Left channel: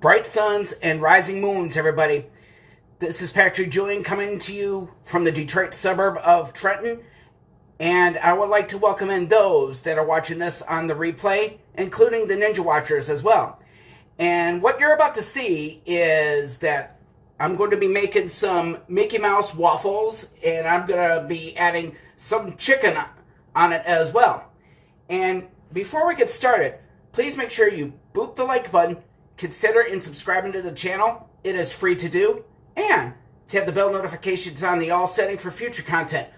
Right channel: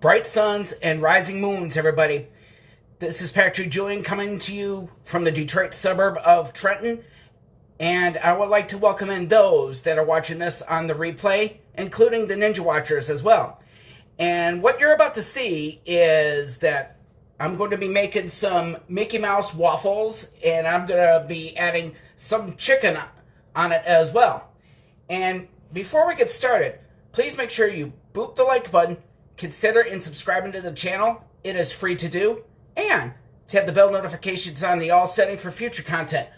Bright suns and rising moons, everybody. This is Patrick Julian coming to you from the Detroit suburb of Trenton. And I would like to welcome in those that are watching this on the replay, including the Ninja Watchers as well. And what you're about to see is that I'm going to be making some Mickey Mouse waffles, and I'm going to be adding some chicken on it as well. And before we get started, please make sure you boop the like button, consider and subscribing to the channel. It is free to do. And to have the bell notifications on the all setting for future content.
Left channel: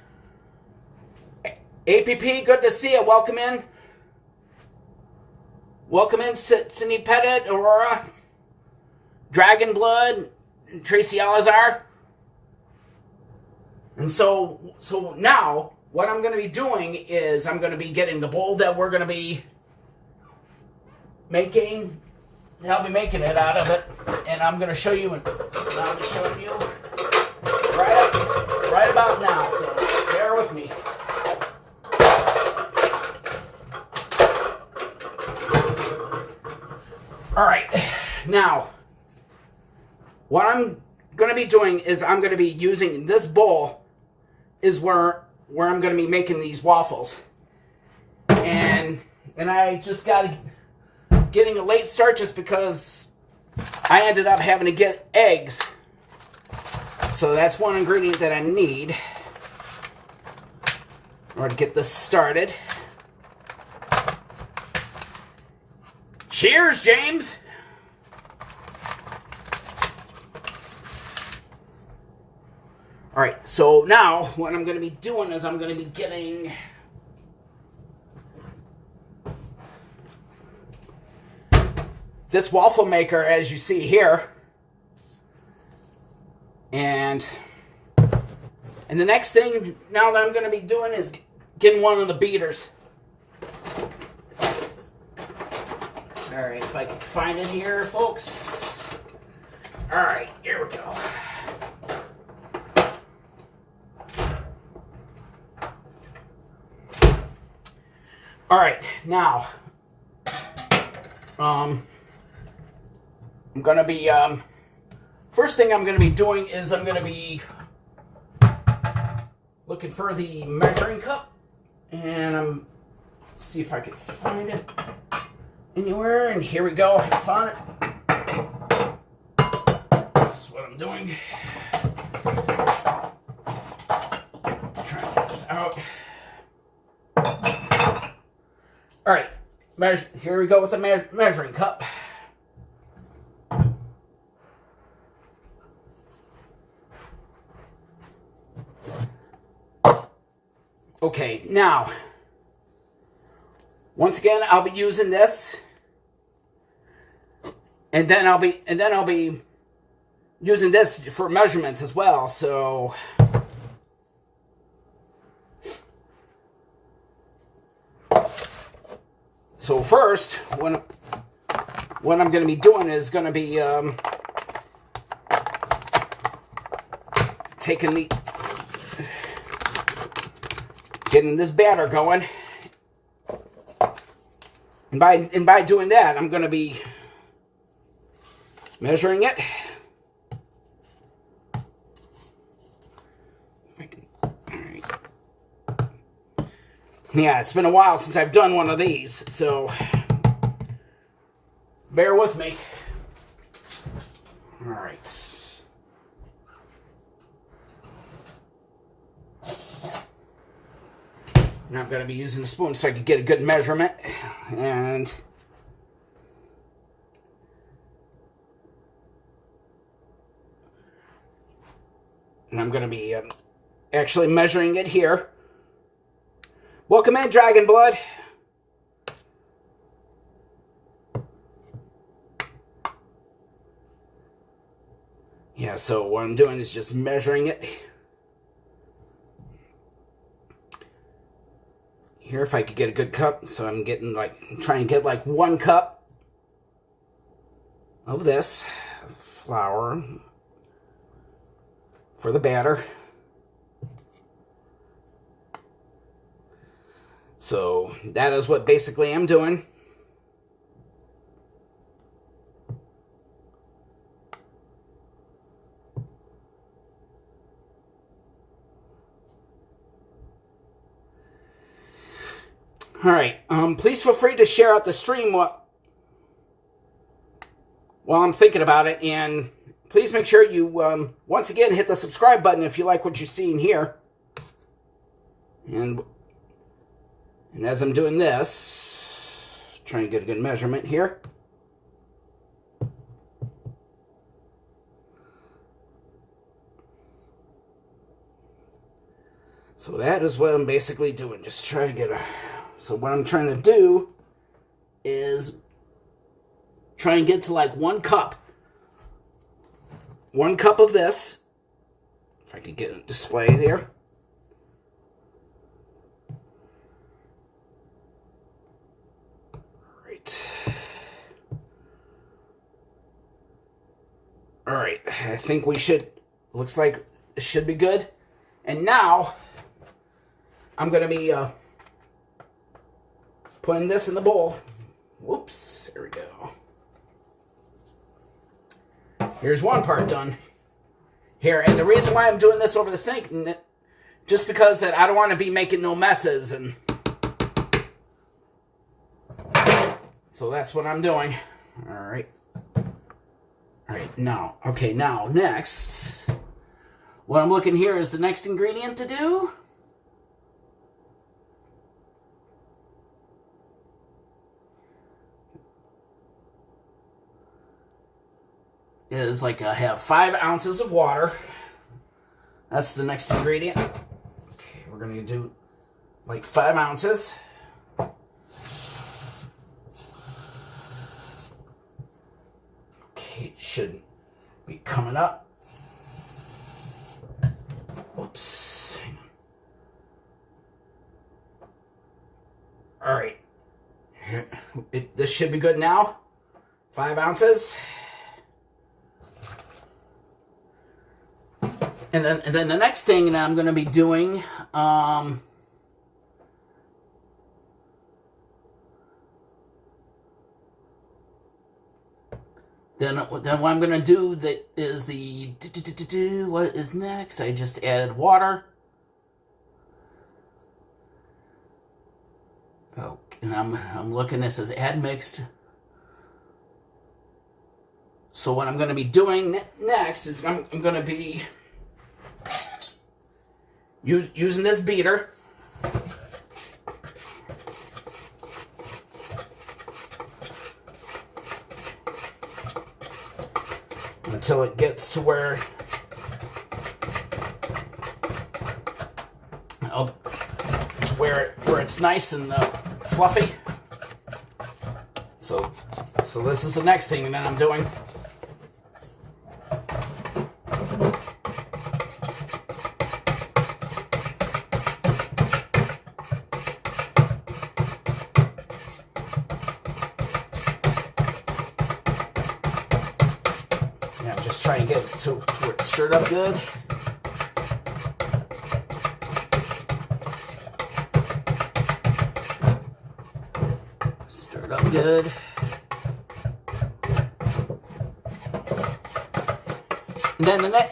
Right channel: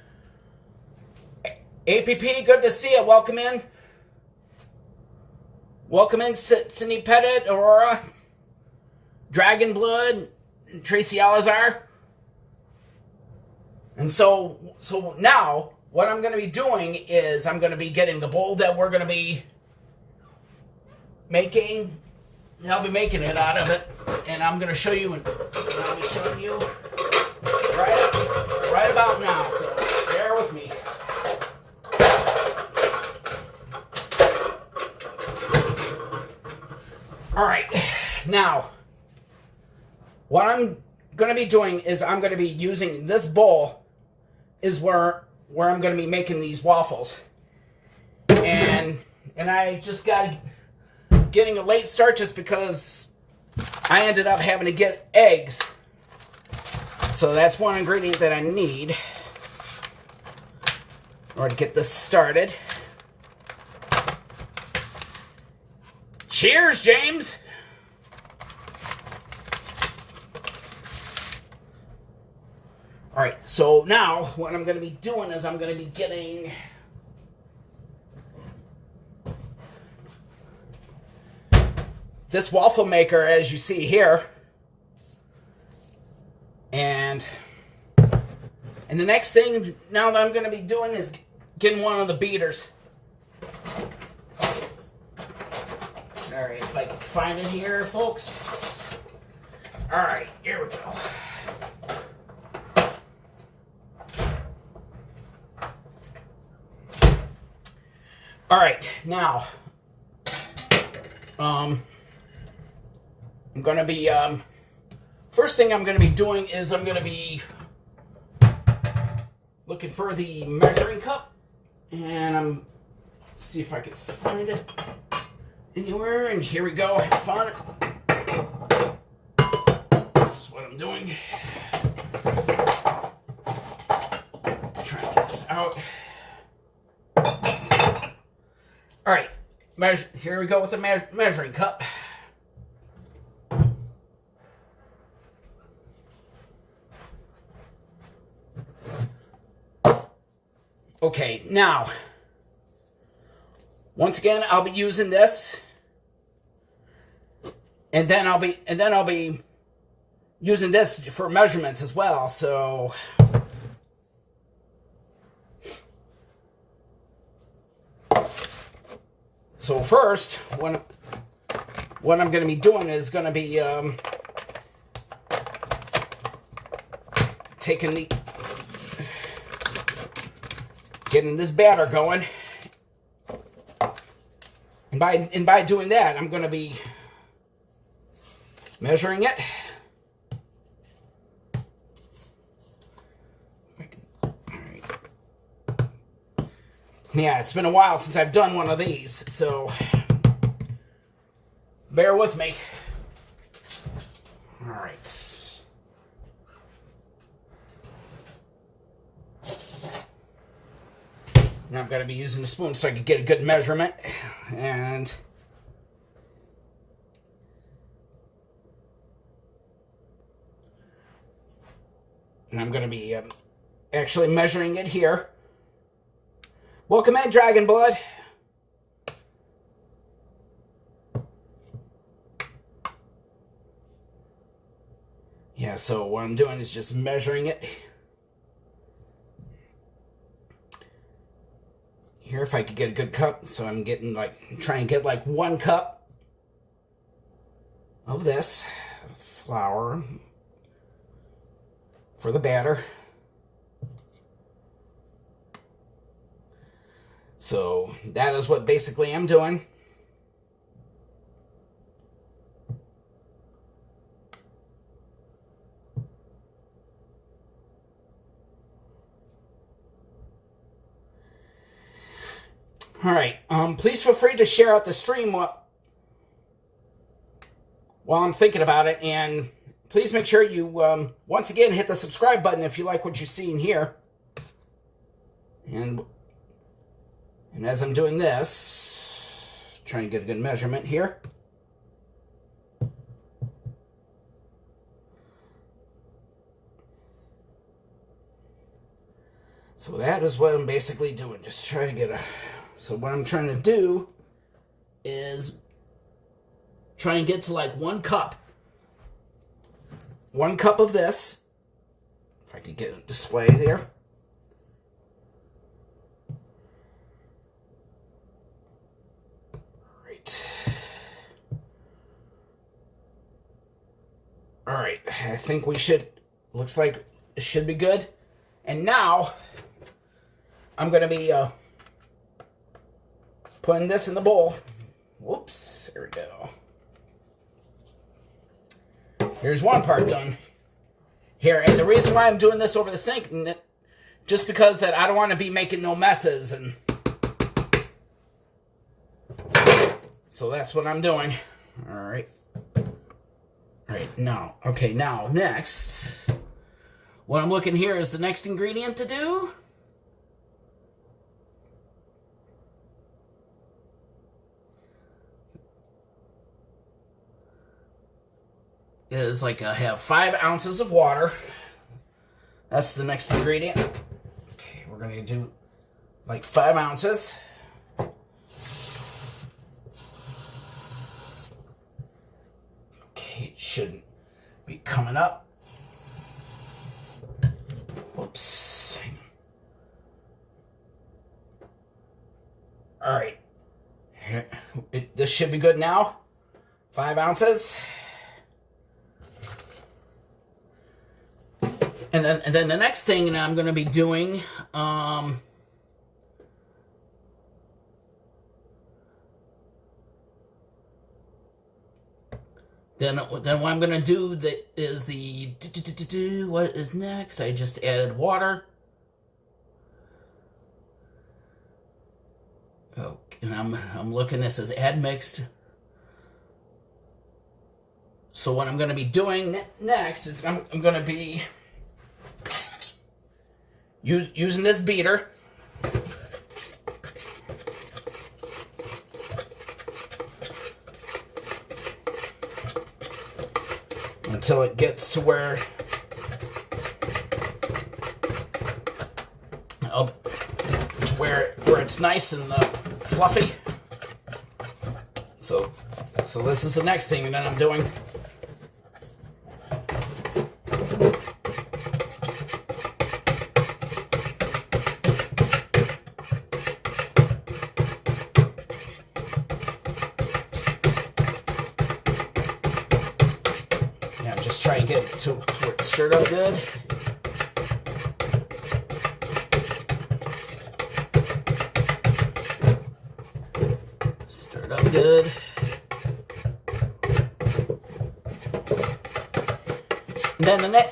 APP, good to see you. Welcome in. Welcome in, Sydney Pettit, Aurora, Dragon Blood, Tracy Alazar. And so now, what I'm going to be doing is I'm going to be getting the bowl that we're going to be making. And I'll be making it out of it. And I'm going to show you, and I'll be showing you right about now. So bear with me. All right, now, what I'm going to be doing is I'm going to be using this bowl is where I'm going to be making these waffles. And I just got getting a late start just because I ended up having to get eggs. So that's one ingredient that I need in order to get this started. Cheers, James! Alright, so now what I'm going to be doing is I'm going to be getting this waffle maker, as you see here. And the next thing now that I'm going to be doing is getting one of the beaters. Alright, if I can find it here, folks. Alright, here we go. Alright, now, I'm going to be, first thing I'm going to be doing is I'm going to be looking for the measuring cup. And let's see if I can find it anywhere. And here we go. I found it. This is what I'm doing. Try to get this out. All right. Here we go with the measuring cup. Okay, now, once again, I'll be using this, and then I'll be using this for measurements as well. So first, what I'm going to be doing is going to be getting this batter going. And by doing that, I'm going to be measuring it. Yeah, it's been a while since I've done one of these, so bear with me. All right. And I'm going to be using a spoon so I can get a good measurement. And I'm going to be actually measuring it here. Welcome in, Dragon Blood. Yeah, so what I'm doing is just measuring it. Here, if I could get a good cup, so I'm getting trying to get like 1 cup of this flour for the batter. So that is what basically I'm doing. All right. Please feel free to share out the stream while I'm thinking about it. And please make sure you, once again, hit the subscribe button if you like what you're seeing here. And as I'm doing this, trying to get a good measurement here. So that is what I'm basically doing. Just trying to get a... So what I'm trying to do is try and get to like 1 cup. 1 cup of this. If I could get a display there. Right. All right. I think we should... Looks like it should be good. And now I'm going to be putting this in the bowl. Whoops. There we go. Here's one part done. Here, and the reason why I'm doing this over the sink, just because that I don't want to be making no messes, and so that's what I'm doing. All right. All right, now, okay, now, next, what I'm looking here is the next ingredient to do. Is like I have 5 ounces of water. That's the next ingredient. Okay, we're going to do like 5 ounces. Okay, it should be coming up. Oops. Hang on. All right. Here, this should be good now. 5 ounces. And then the next thing that I'm going to be doing, then what I'm going to do that is what is next? I just added water. Oh, and I'm looking. This as add mixed. So what I'm going to be doing next is I'm going to be using this beater. Until it gets to where it's nice and fluffy. So this is the next thing that I'm doing. Try and get it to where it's stirred up good. Stirred up good.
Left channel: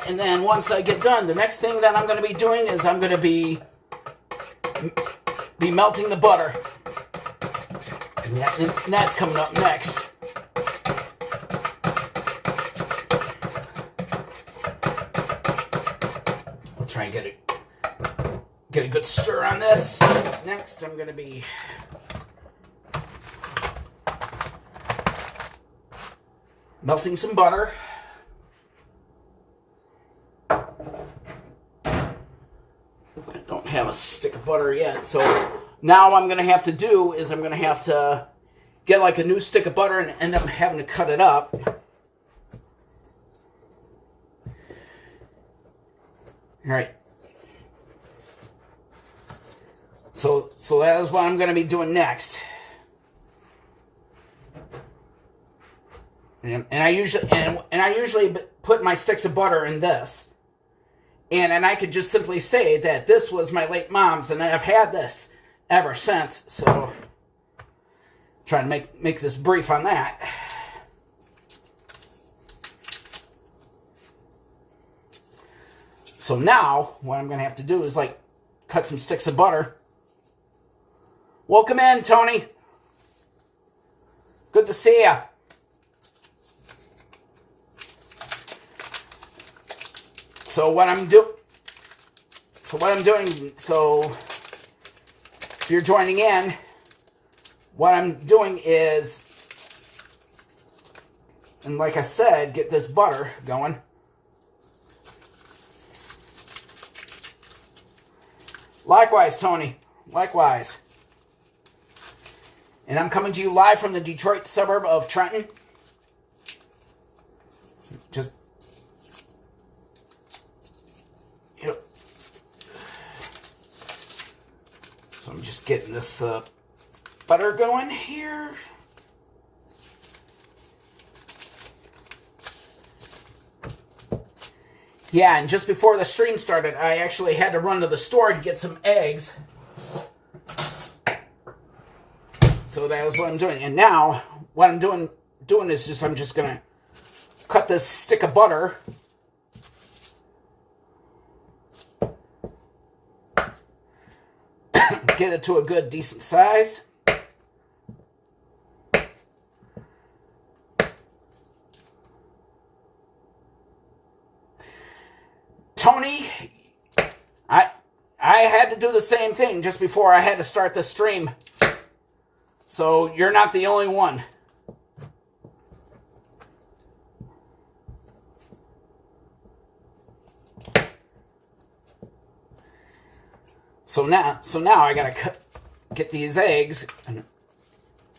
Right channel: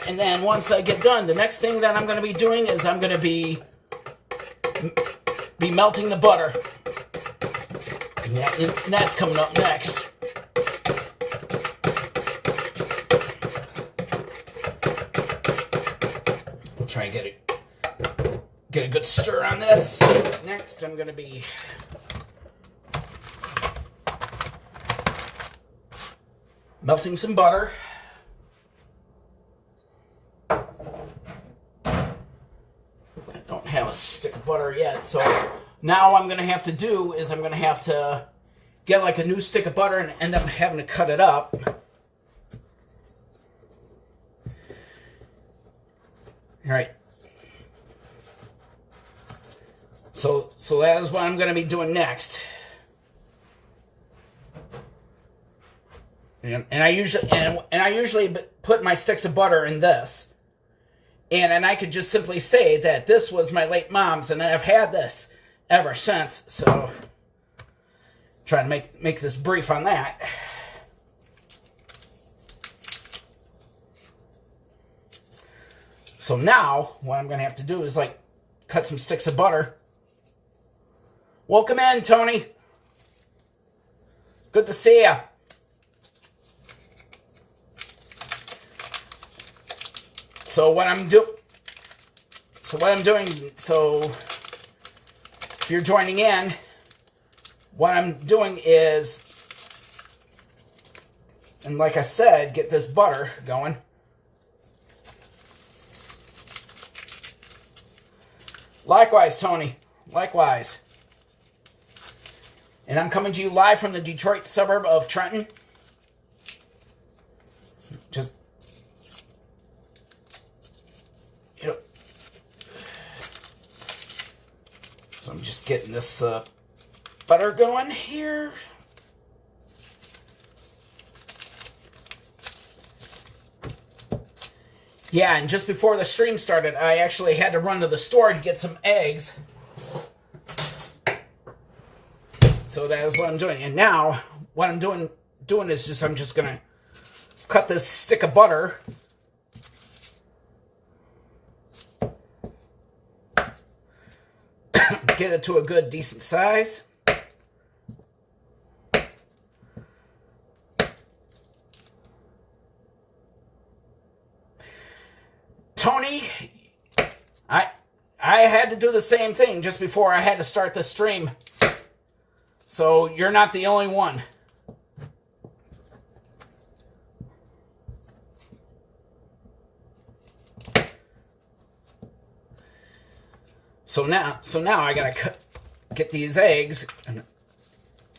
And then once I get done, the next thing that I'm going to be doing is I'm going to be melting the butter. And that's coming up next. Try and get a good stir on this. Next, I'm going to be melting some butter. I don't have a stick of butter yet, so now what I'm going to have to do is I'm going to have to get like a new stick of butter and end up having to cut it up. All right. So that is what I'm going to be doing next. And I usually put my sticks of butter in this. And I could just simply say that this was my late mom's, and I've had this ever since. So try to make this brief on that. So now, what I'm going to have to do is, like, cut some sticks of butter. Welcome in, Tony. Good to see ya. So what I'm doing, if you're joining in, what I'm doing is, and like I said, get this butter going. Likewise, Tony. Likewise. And I'm coming to you live from the Detroit suburb of Trenton. Just, so I'm just getting this butter going here. Yeah, and just before the stream started, I actually had to run to the store to get some eggs. So that is what I'm doing. And now, what I'm doing is I'm just going to cut this stick of butter. Get it to a good, decent size. Tony, I had to do the same thing just before I had to start the stream. So you're not the only one. So now I gotta get these eggs and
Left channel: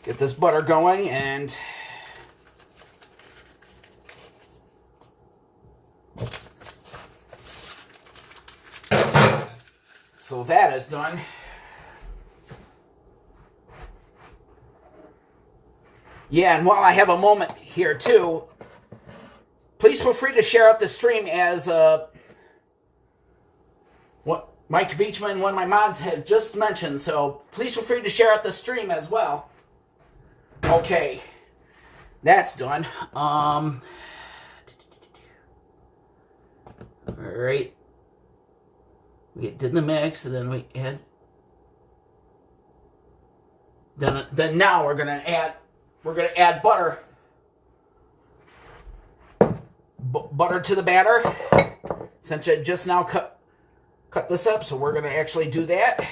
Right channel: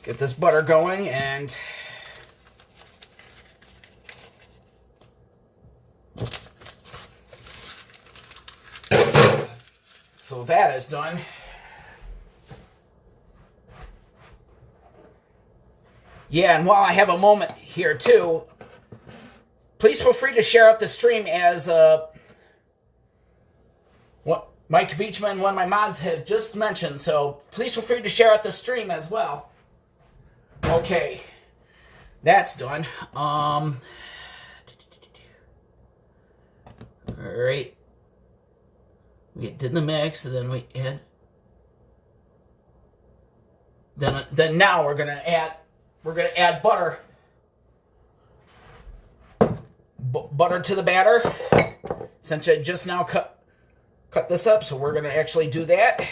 get this butter going, and so that is done. Yeah, and while I have a moment here too, please feel free to share out the stream, as what Mike Beachman, one of my mods, had just mentioned. So please feel free to share out the stream as well. Okay, that's done. All right. We did the mix, and then we add. Then now we're gonna add butter. Butter to the batter. Since I just now cut this up, so we're gonna actually do that.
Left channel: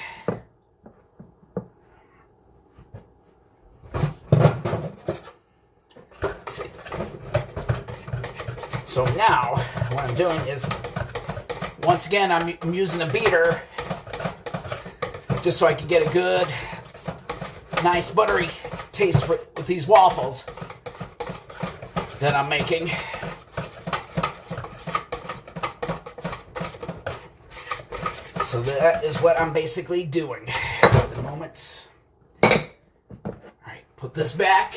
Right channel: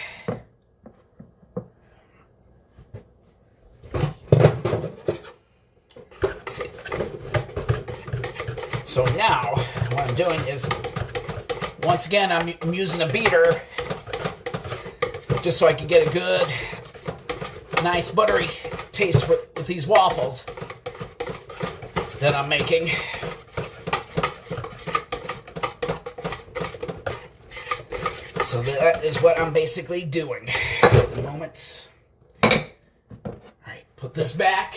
Let's see. So now what I'm doing is, once again, I'm using a beater just so I can get a good, nice buttery taste with these waffles that I'm making. So that is what I'm basically doing at the moment. All right, put this back.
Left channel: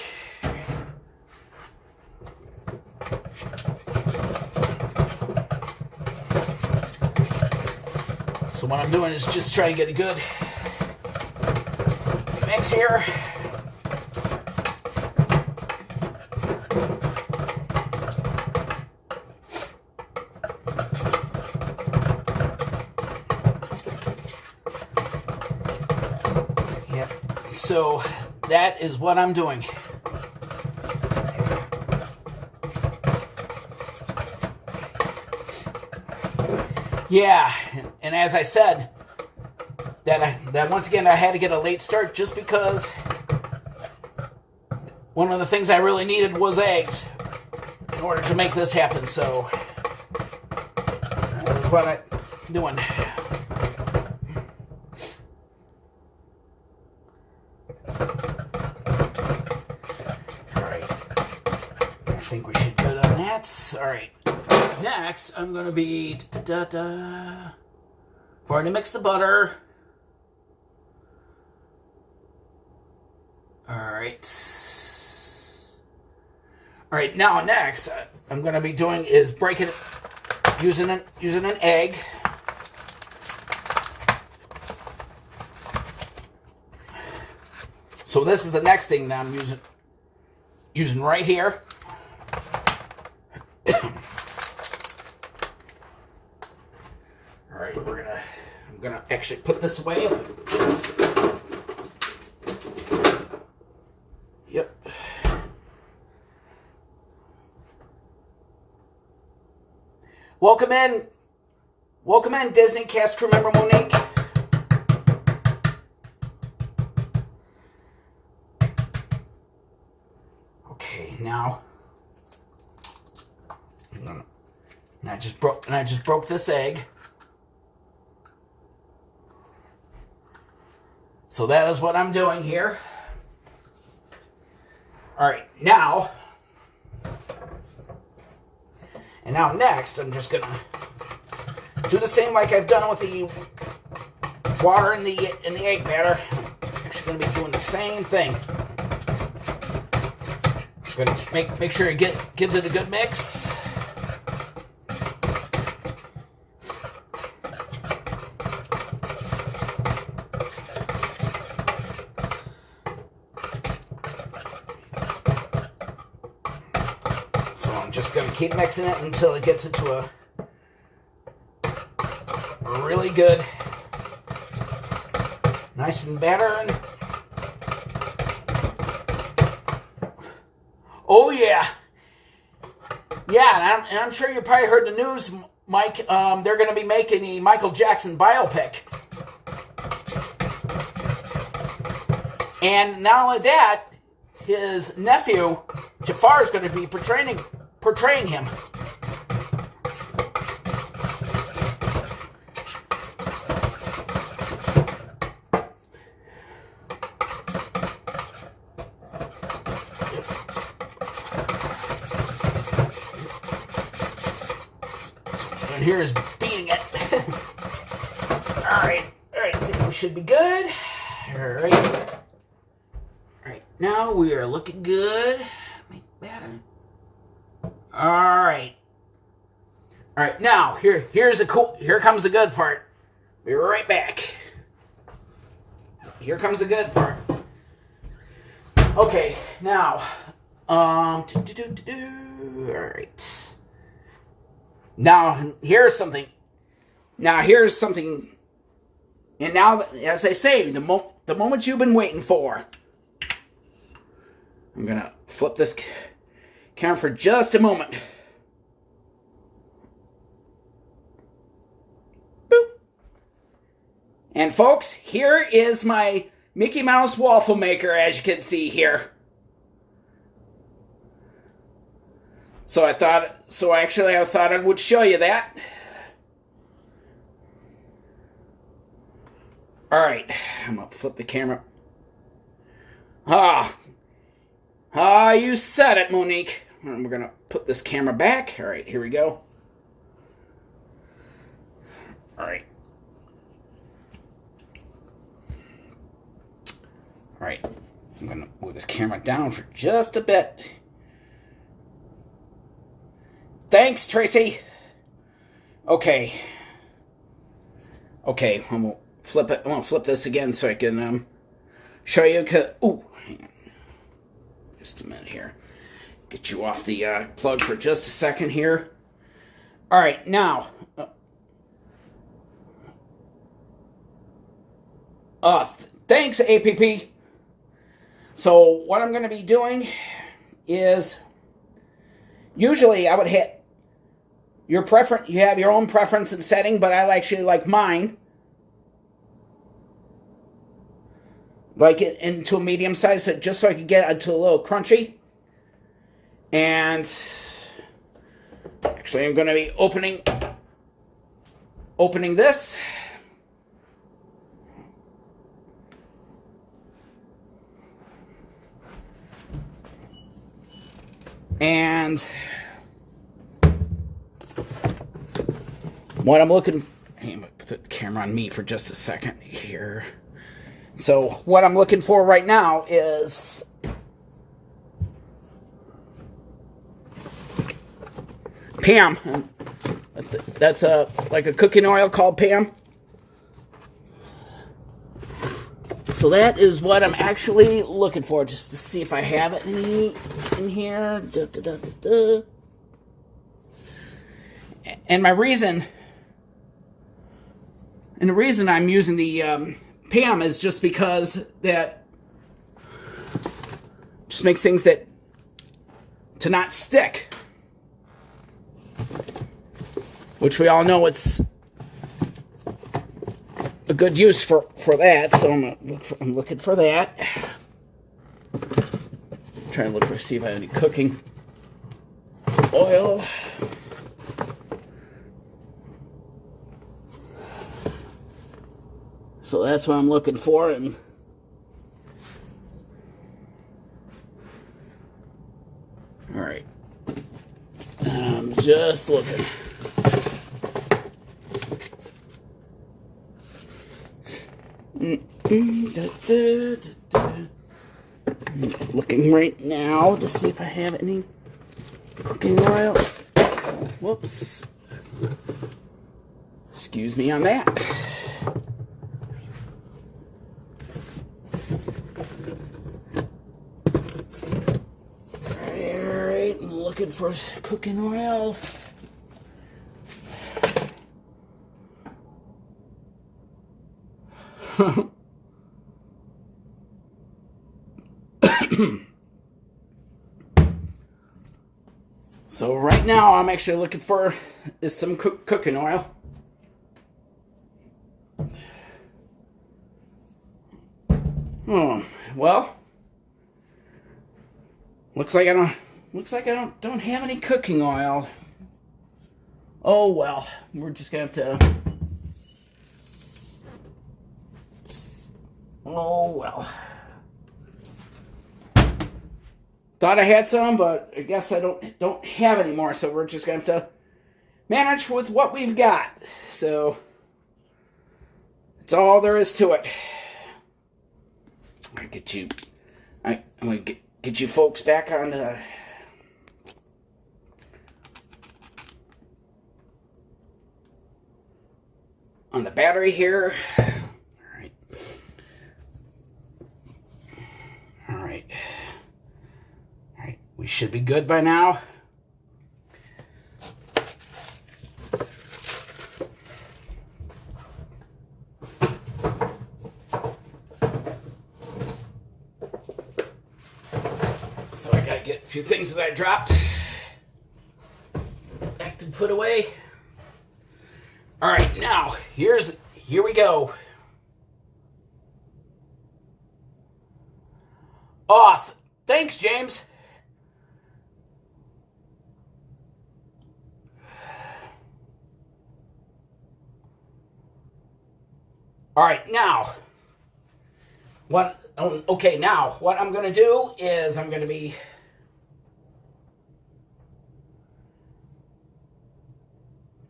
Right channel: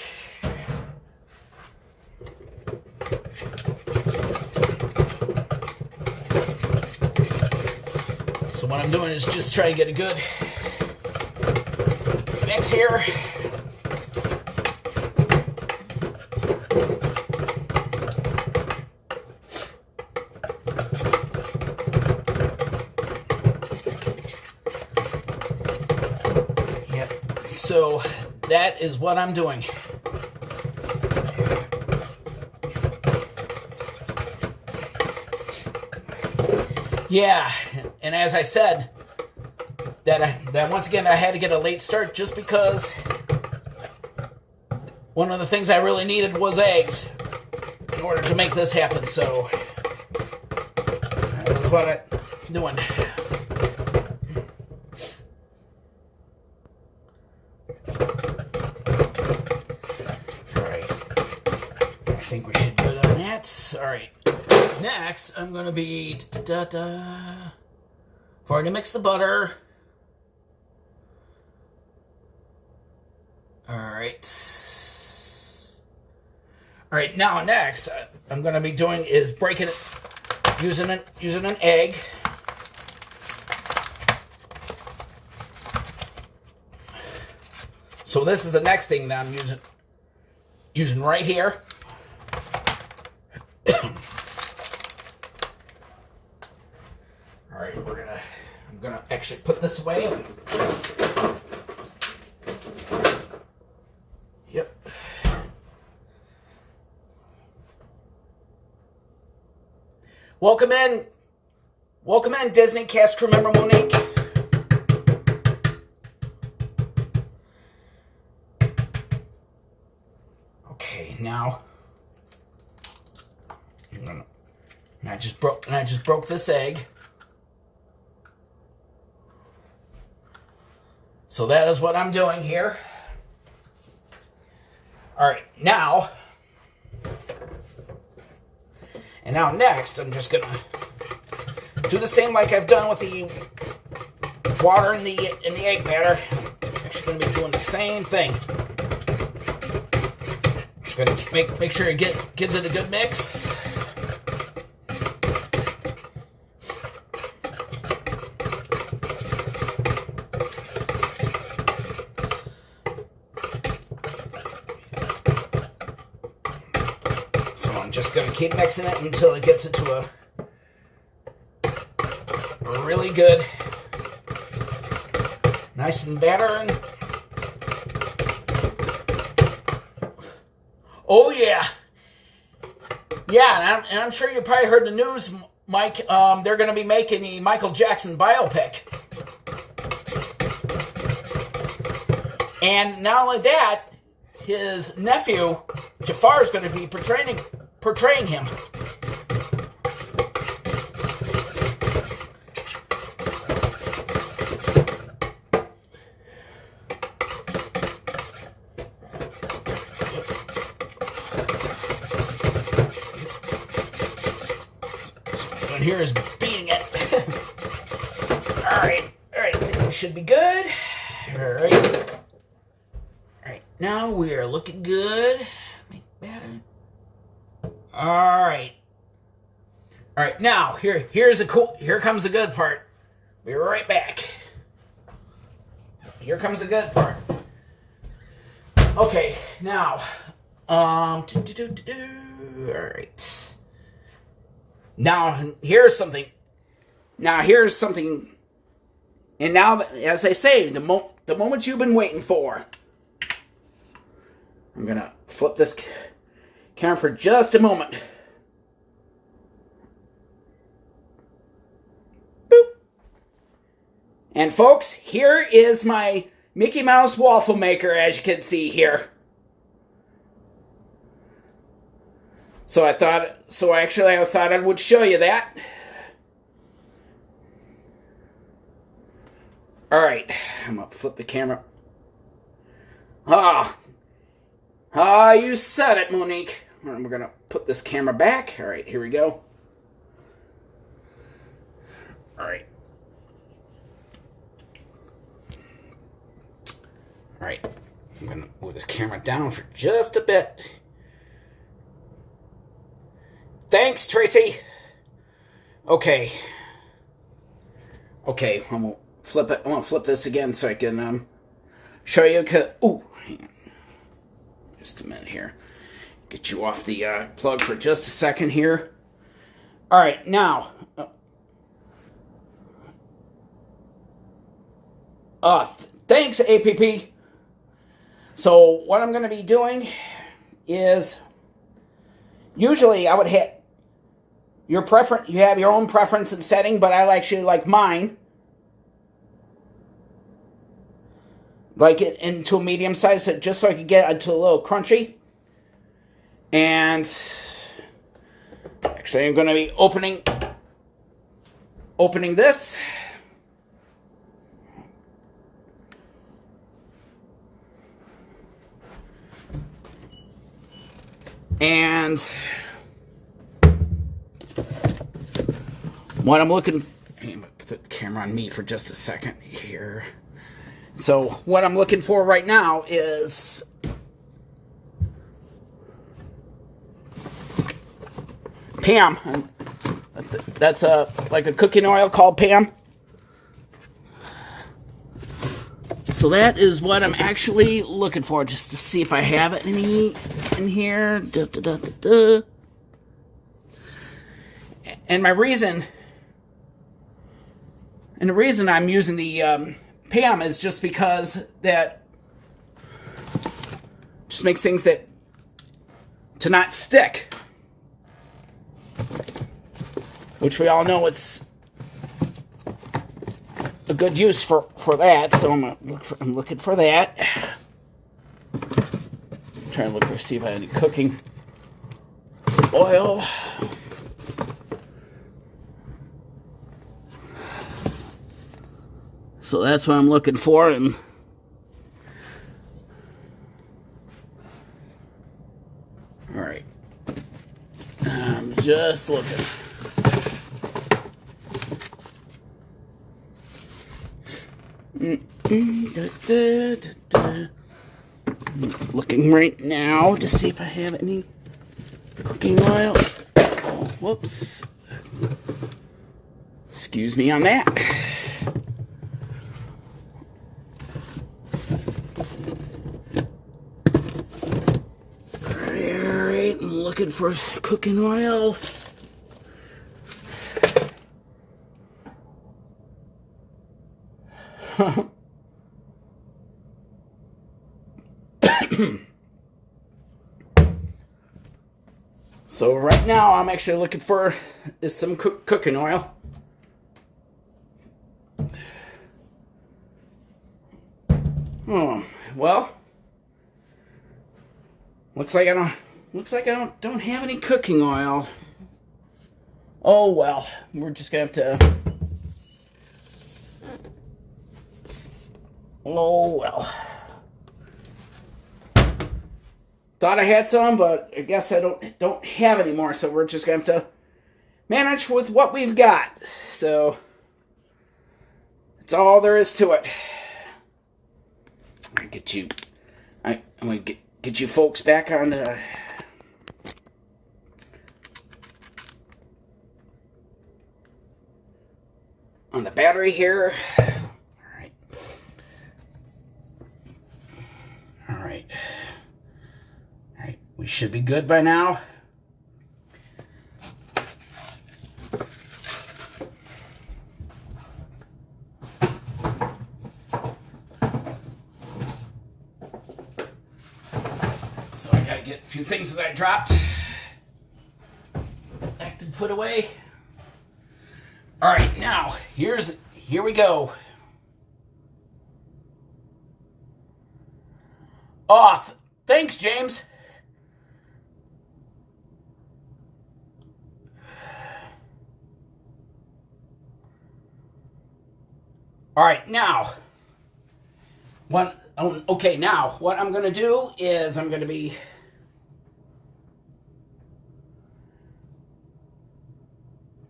So what I'm doing is just try to get a good mix here. Yep. So that is what I'm doing. Yeah, and as I said, that once again I had to get a late start just because one of the things I really needed was eggs in order to make this happen. So that is what I'm doing. All right, I think we should good on that. All right. Next, I'm going to be for to mix the butter. All right. Now next, I'm going to be doing is breaking it using an egg. So this is the next thing that I'm using right here. All right, I'm gonna actually put this away. Welcome in, Disney cast crew member Monique. Okay, now I just broke this egg. So that is what I'm doing here. All right, now next, I'm just gonna do the same like I've done with the water in the egg batter. I'm actually gonna be doing the same thing. Gonna make sure it gives it a good mix. So I'm just going to keep mixing it until it gets into a really good, nice and batter. Oh yeah, yeah, and I'm sure you probably heard the news, Mike. They're going to be making the Michael Jackson biopic, and not only that, his nephew Jafar is going to be portraying him. So here is beating it. All right, I think we should be good. All right, now we are looking good. Make batter. All right, now here comes the good part. Be right back. Here comes the good part. Okay, now, all right. Now here's something. And now, as they say, the moment you've been waiting for. I'm gonna flip this camera for just a moment. Boop. And folks, here is my Mickey Mouse waffle maker, as you can see here. So I thought I would show you that. All right, I'm gonna flip the camera. You said it, Monique. And we're gonna put this camera back. All right, here we go. All right. All right, I'm gonna move this camera down for just a bit. Thanks, Tracy. Okay, I'm gonna flip it. I'm gonna flip this again so I can show you. Ooh, hang on. Just a minute here. Get you off the plug for just a second here. All right, now. Thanks, APP. So what I'm going to be doing is, usually I would hit your preference. You have your own preference and setting, but I actually like mine. Like it into a medium size, just so I could get it to a little crunchy. And actually, I'm going to be opening this. And what I'm looking, I'm going to put the camera on me for just a second here. So what I'm looking for right now is Pam. That's like a cooking oil called Pam. So that is what I'm actually looking for, just to see if I have any in here. And the reason I'm using the Pam is just because that just makes things to not stick. which we all know it's a good use for that. So I'm looking for that. I'm trying to look for, see if I have any cooking oil. So that's what I'm looking for. And all right, I'm just looking. Looking right now to see if I have any cooking oil. Oh, whoops. Excuse me on that. Alright, I'm looking for cooking oil. So right now I'm actually looking for some cooking oil. Oh, well, looks like I don't have any cooking oil. Oh well, we're just gonna have to. Oh well. Thought I had some, but I guess I don't have any more. So we're just gonna have to manage with what we've got. So that's all there is to it. I get you. I'm gonna get you folks back on the. On the battery here. Alright. Alright. Alright. We should be good by now. So I gotta get a few things that I dropped back to put away. All right, now, here we go. Oh, thanks, James. All right, now, what I'm going to do is I'm going to be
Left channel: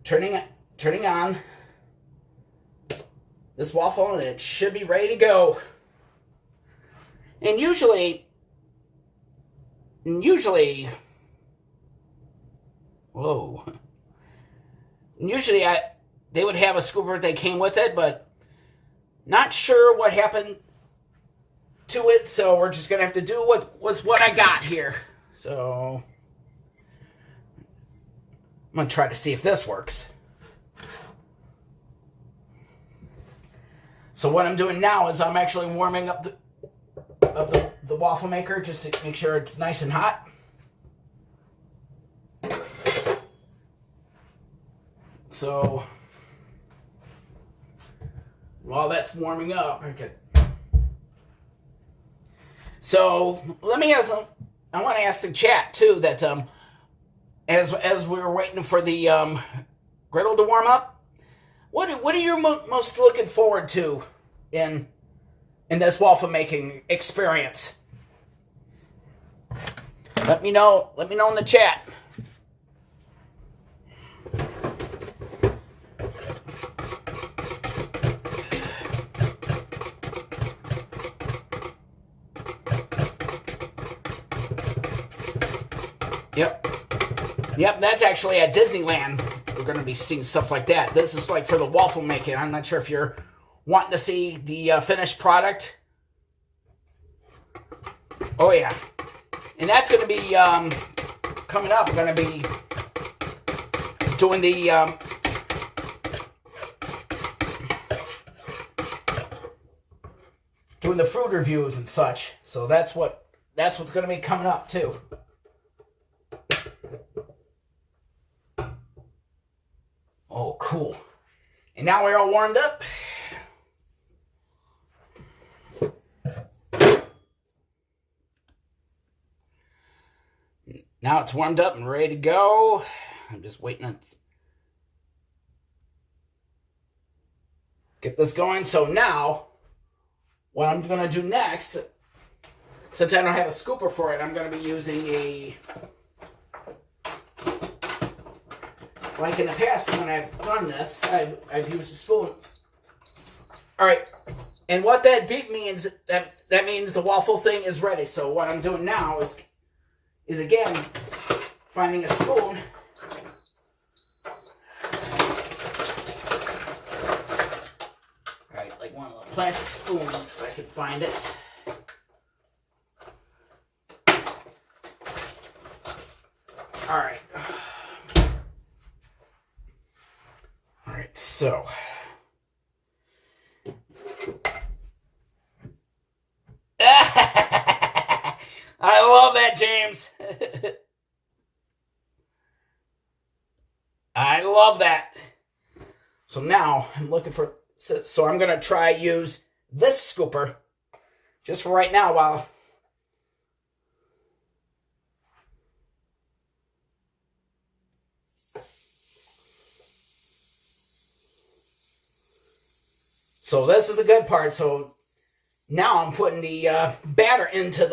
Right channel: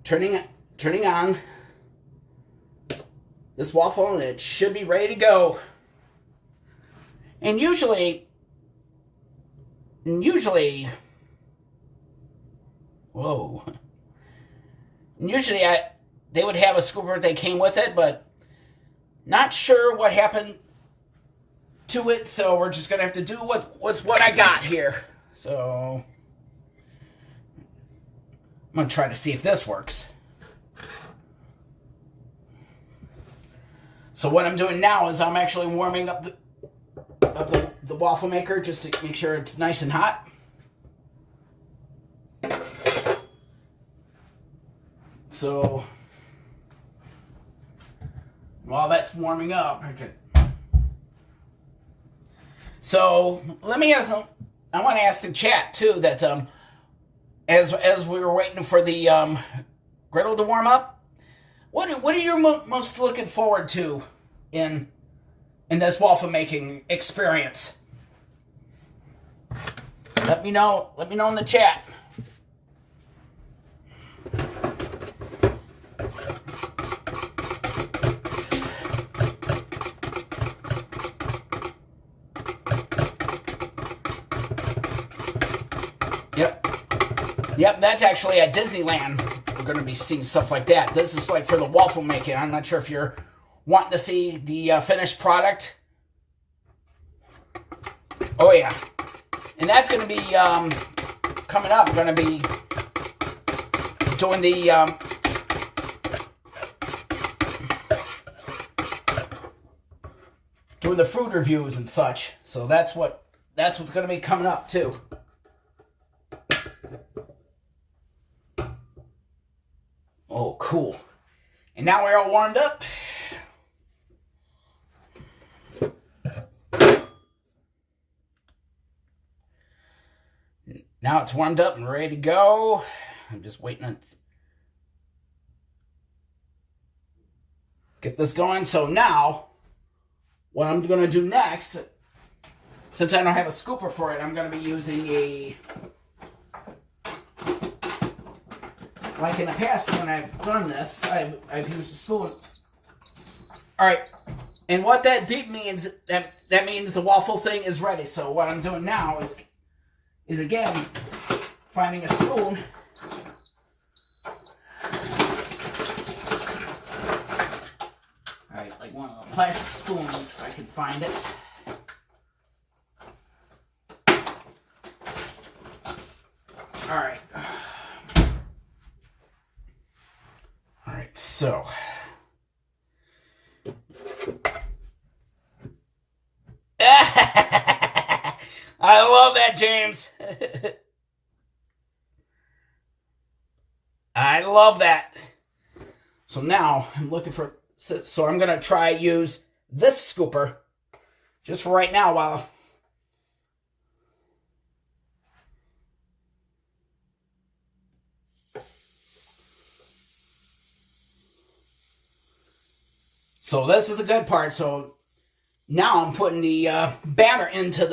turning on this waffle, and it should be ready to go. And usually, whoa. And usually they would have a scooper that came with it, but not sure what happened to it, so we're just gonna have to do with what I got here. So I'm gonna try to see if this works. So what I'm doing now is I'm actually warming up the waffle maker just to make sure it's nice and hot. So while that's warming up, so let me ask. I want to ask the chat too that as we were waiting for the griddle to warm up, what are you most looking forward to in this waffle making experience? Let me know in the chat. Yep, that's actually at Disneyland. We're going to be seeing stuff like that. This is like for the waffle making. I'm not sure if you're wanting to see the finished product. Oh, yeah. And that's going to be coming up. We're going to be doing the food reviews and such. So that's what's going to be coming up too. Oh, cool. And now we're all warmed up. Now it's warmed up and ready to go. I'm just waiting to get this going. So now, what I'm going to do next, since I don't have a scooper for it, I'm going to be using a, like in the past when I've done this, I've used a spoon. All right, and what that beep means, that means the waffle thing is ready. So what I'm doing now is again, finding a spoon. All right, like one of the plastic spoons, if I could find it. All right. All right, so. I love that, James. I love that. So now I'm looking for, so I'm going to try use this scooper just for right now while. So this is the good part. So now I'm putting the batter into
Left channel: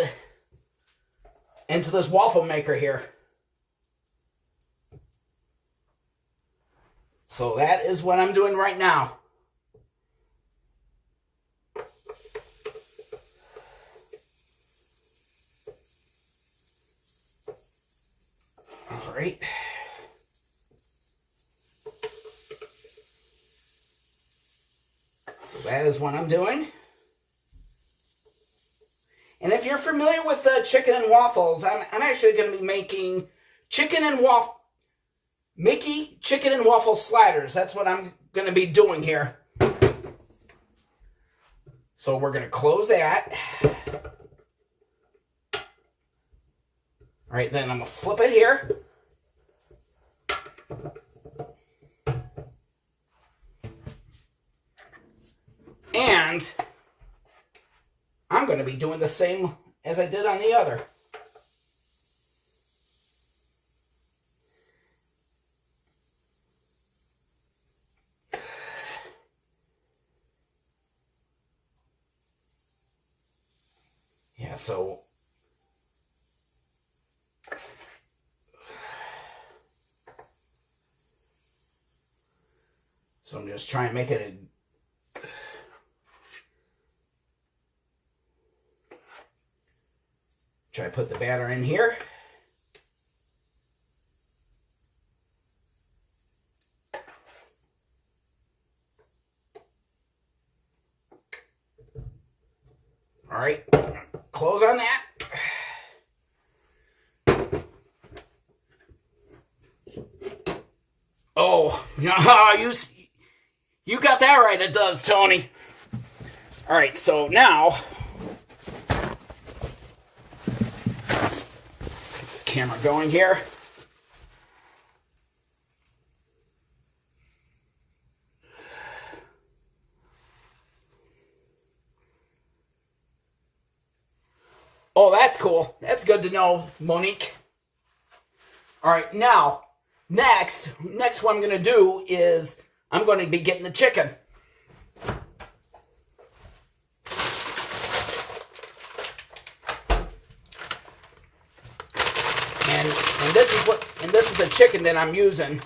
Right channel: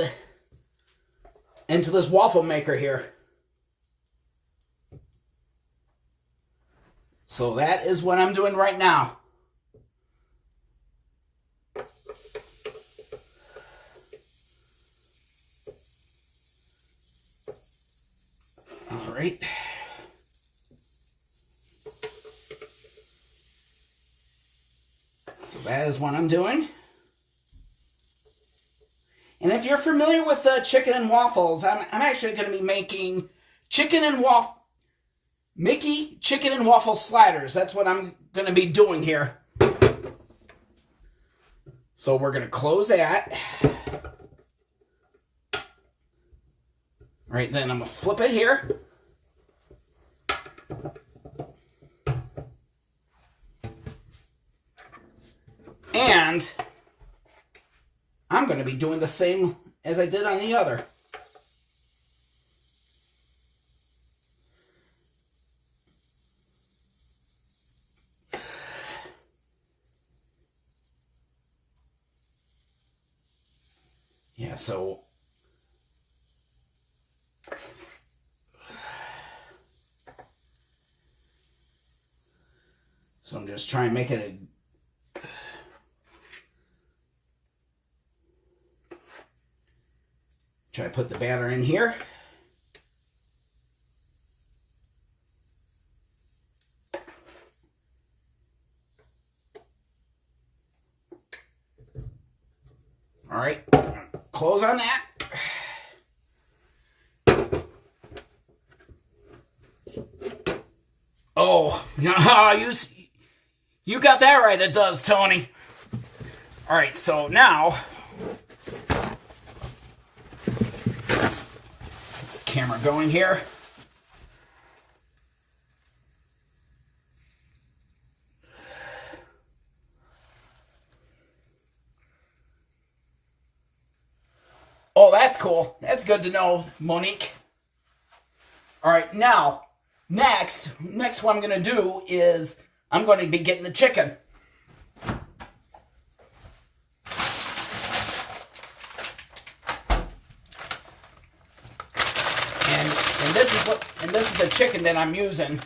this waffle maker here. So that is what I'm doing right now. All right. So that is what I'm doing. And if you're familiar with chicken and waffles, I'm actually going to be making Mickey chicken and waffle sliders. That's what I'm going to be doing here. So we're going to close that. All right, then I'm going to flip it here. And I'm going to be doing the same as I did on the other. Yeah, so I'm just trying to make it try to put the batter in here. All right, close on that. Oh, you got that right, it does, Tony. All right, so now, get this camera going here. Oh, that's cool. That's good to know, Monique. All right, now, next what I'm going to do is I'm going to be getting the chicken. And this is the chicken that I'm using.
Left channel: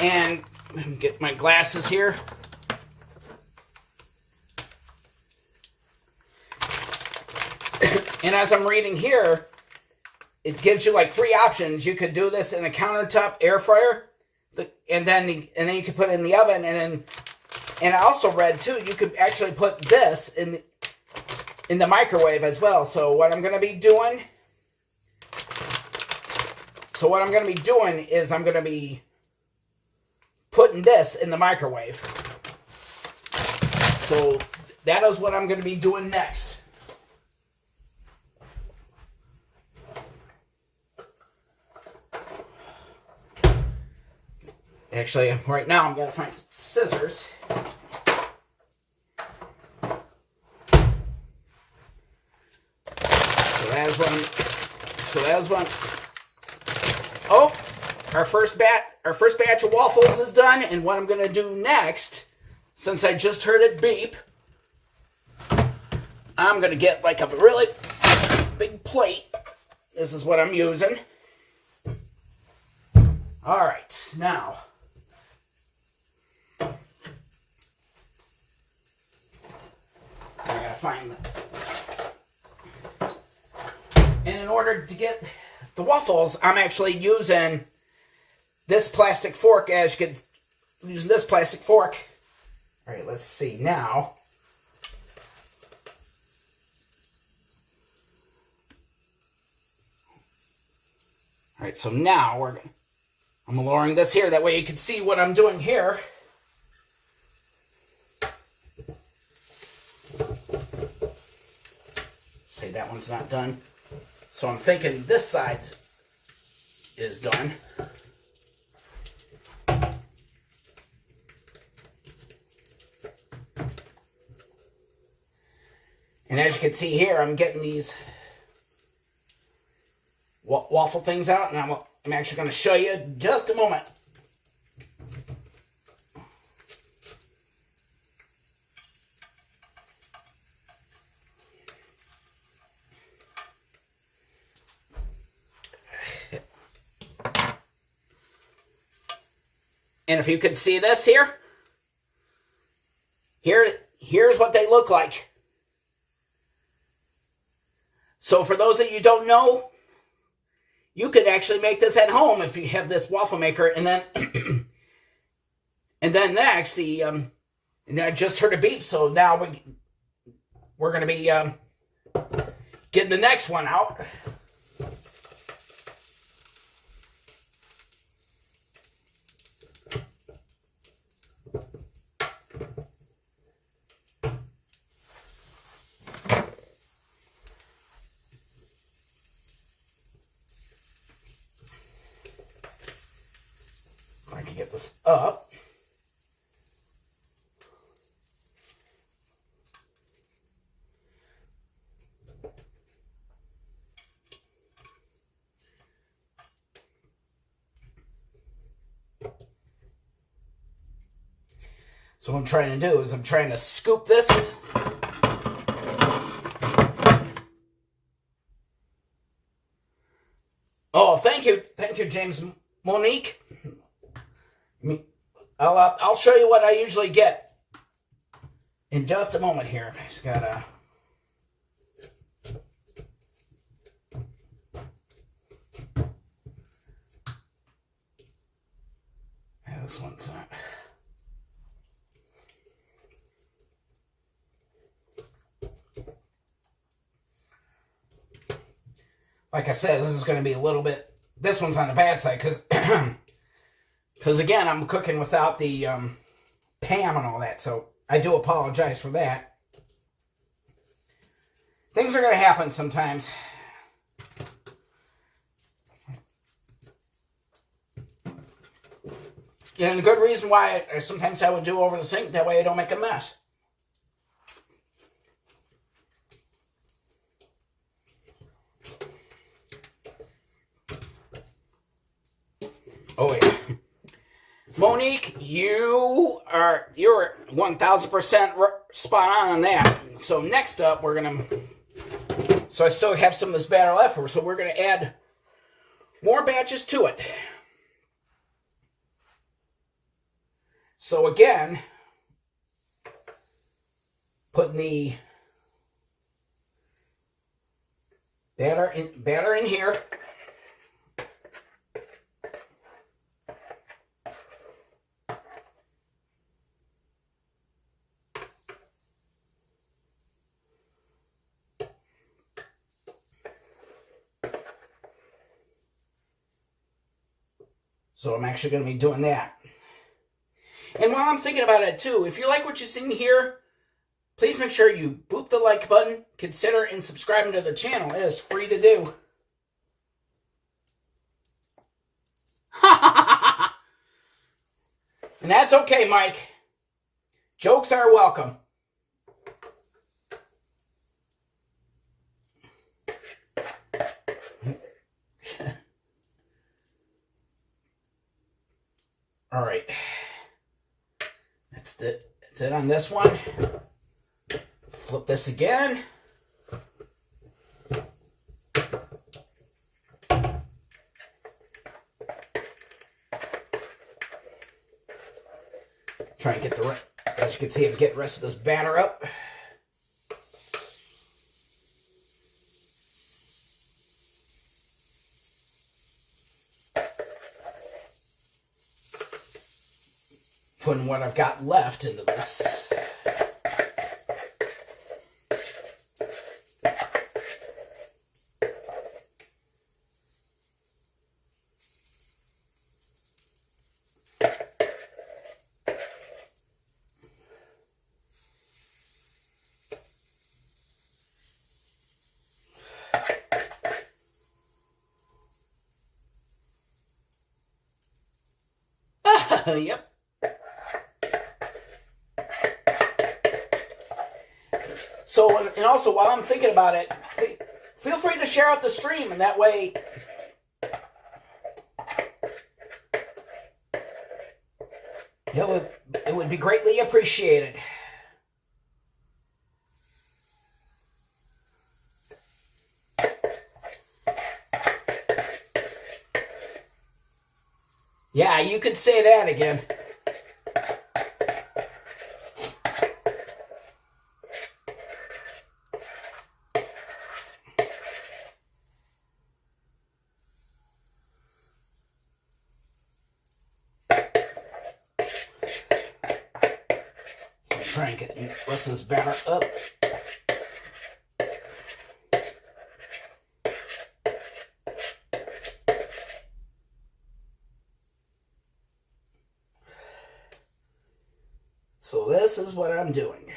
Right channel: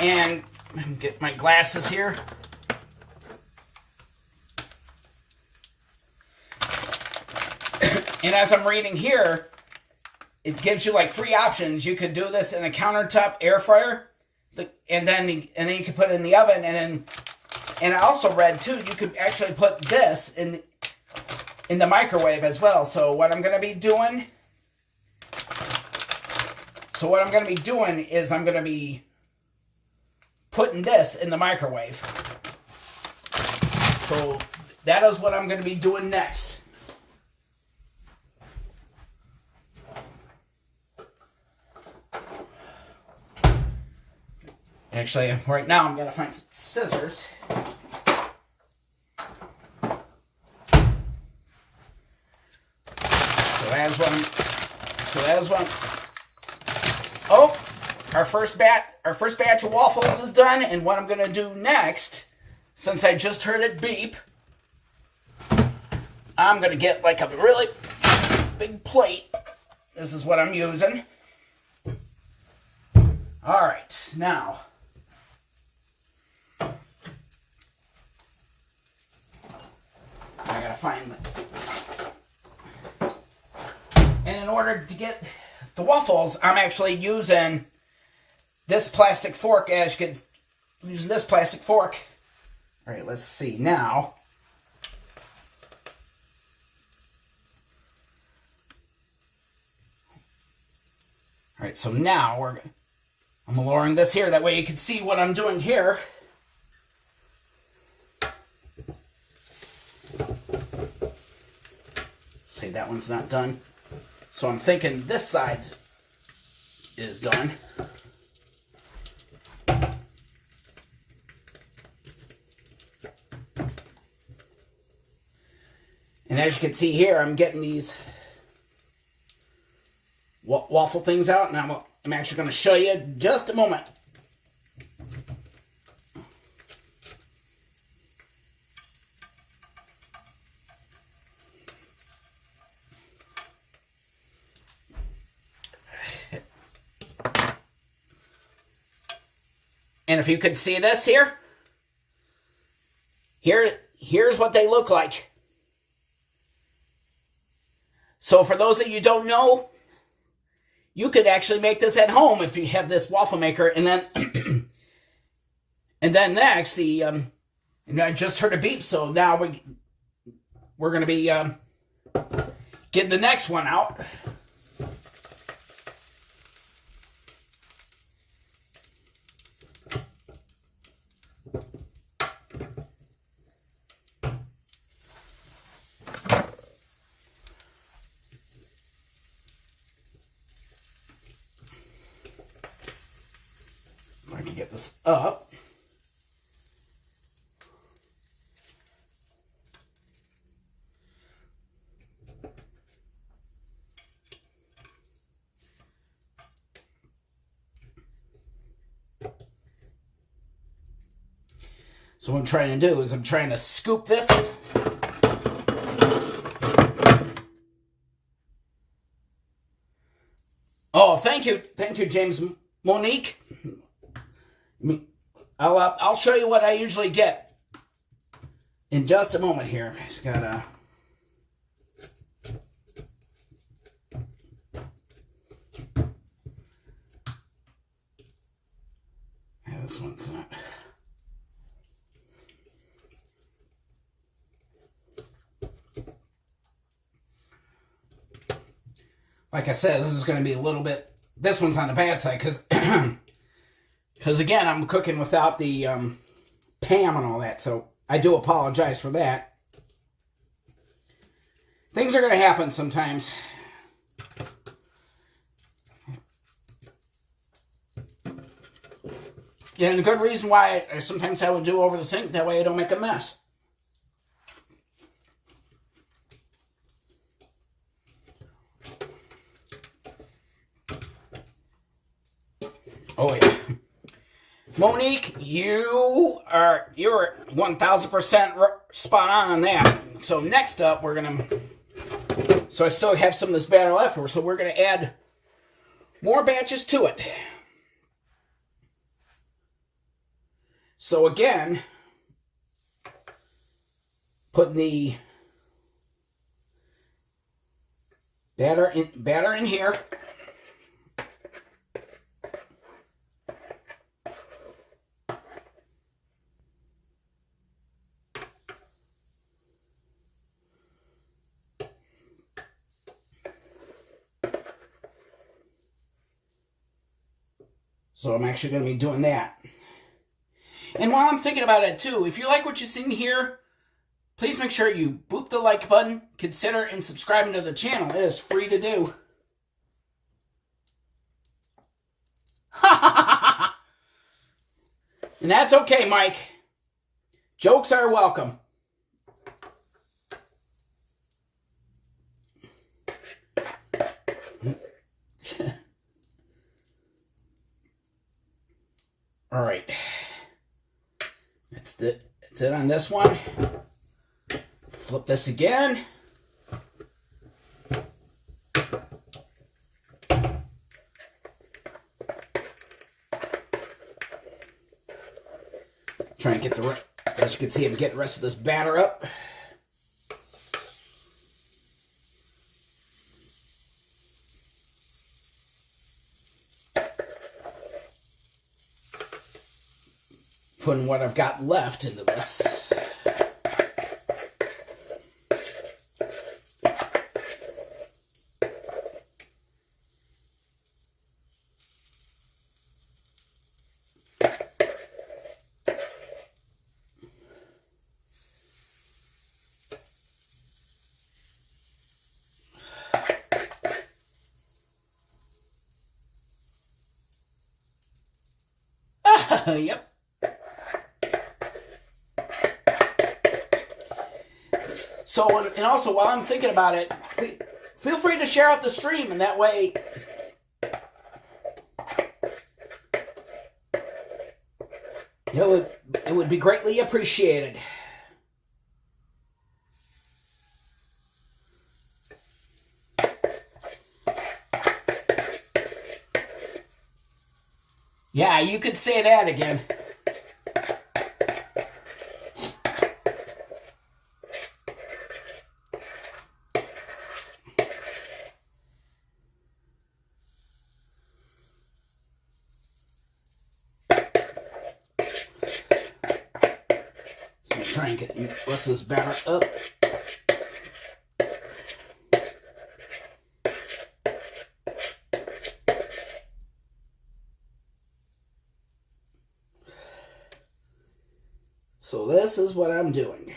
And let me get my glasses here. And as I'm reading here, it gives you like 3 options. You could do this in a countertop air fryer, and then you could put it in the oven, and I also read too, you could actually put this in the microwave as well. So what I'm going to be doing is I'm going to be putting this in the microwave. So that is what I'm going to be doing next. Actually, right now I'm going to find some scissors. So that's one. Oh, our first batch of waffles is done, and what I'm going to do next, since I just heard it beep, I'm going to get like a really big plate. This is what I'm using. All right, now I gotta find it. And in order to get the waffles, I'm actually using this plastic fork. As you can, using this plastic fork. All right, let's see now. All right, so now I'm lowering this here. That way you can see what I'm doing here. See, that one's not done. So I'm thinking this side is done. And as you can see here, I'm getting these waffle things out, and I'm actually going to show you in just a moment. And if you could see this here's what they look like. So for those of you who don't know, you could actually make this at home if you have this waffle maker, and then and then next and I just heard a beep, so now we're going to be getting the next one out. I can get this up. So what I'm trying to do is I'm trying to scoop this. Oh, thank you, James Monique. I'll show you what I usually get in just a moment here. Just gotta. Yeah, this one's not. Like I said, this is going to be a little bit. This one's on the bad side because again, I'm cooking without the Pam and all that, so I do apologize for that. Things are going to happen sometimes. And the good reason why sometimes I would do over the sink, that way I don't make a mess. Oh yeah. Monique, you're 1000% spot on that. So next up, so I still have some of this batter left, so we're gonna add more batches to it. So again, putting the batter in here. So I'm actually going to be doing that. And while I'm thinking about it too, if you like what you see here, please make sure you boop the like button, consider and subscribing to the channel. It is free to do. And that's okay, Mike. Jokes are welcome. All right. That's it on this one. Flip this again. Trying to get the, as you can see, I'm getting the rest of this batter up. Putting what I've got left into this. Yep. So, and also, while I'm thinking about it, feel free to share out the stream, and that way it would be greatly appreciated. Yeah, you could say that again. So try and get the rest of this batter up. So this is what I'm doing.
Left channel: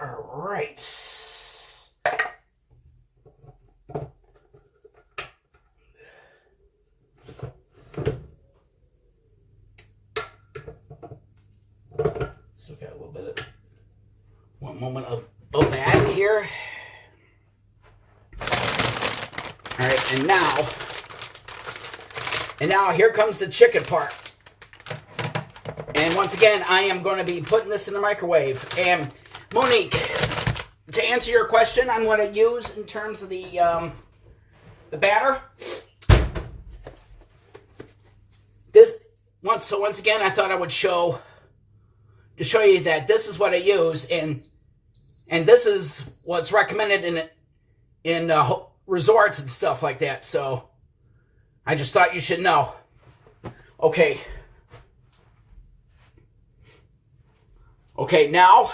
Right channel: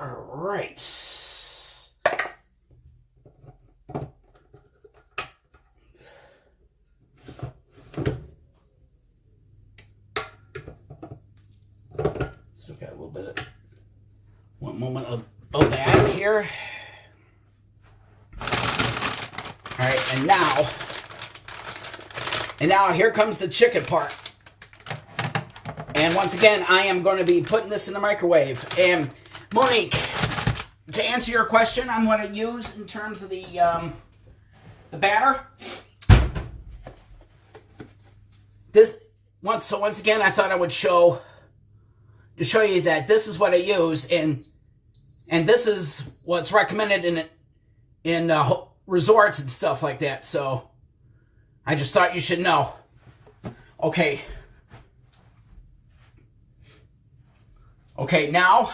All right. Still got a little bit of one moment of that here. All right, and now here comes the chicken part. And once again, I am going to be putting this in the microwave. And Monique, to answer your question on what I use in terms of the batter, once again, I thought I would show you that this is what I use, and this is what's recommended in resorts and stuff like that. So I just thought you should know. Okay. Okay, now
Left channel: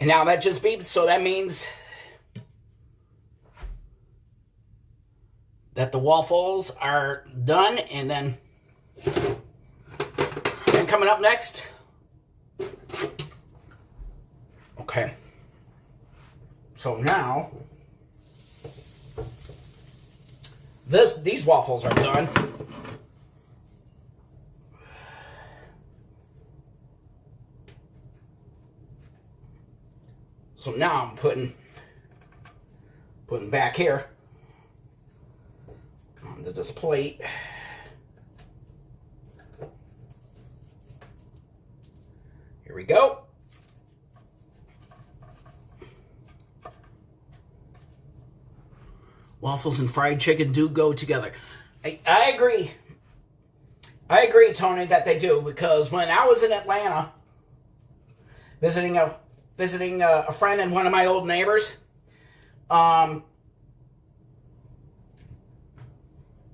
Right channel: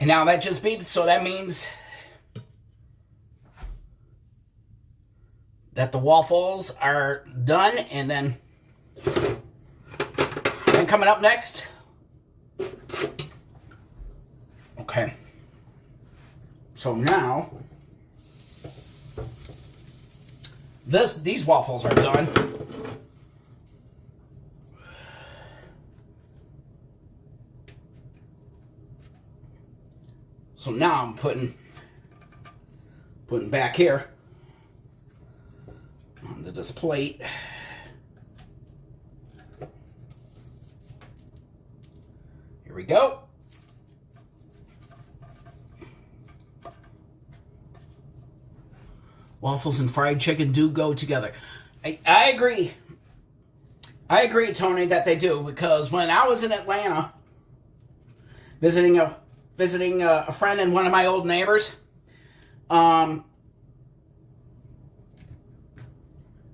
and now that just beat, so that means that the waffles are done, and then coming up next. Okay. So now these waffles are done. So now I'm putting back here onto this plate. Here we go. Waffles and fried chicken do go together. I agree. I agree, Tony, that they do, because when I was in Atlanta visiting a friend and one of my old neighbors, I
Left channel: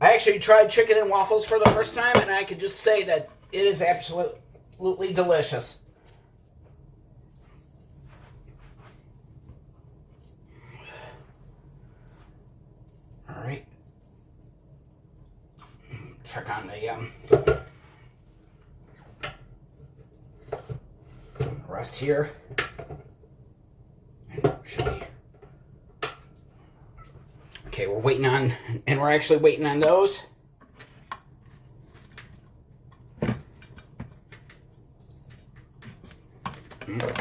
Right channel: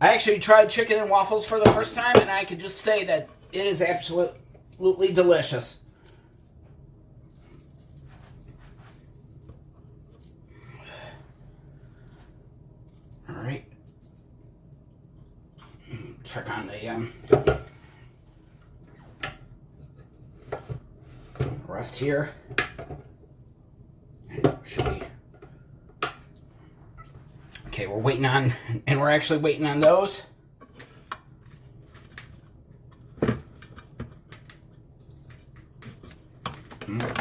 actually tried chicken and waffles for the first time, and I can just say that it is absolutely delicious. All right. Check on the rest here. Should be Okay, we're waiting on, and we're actually waiting on those.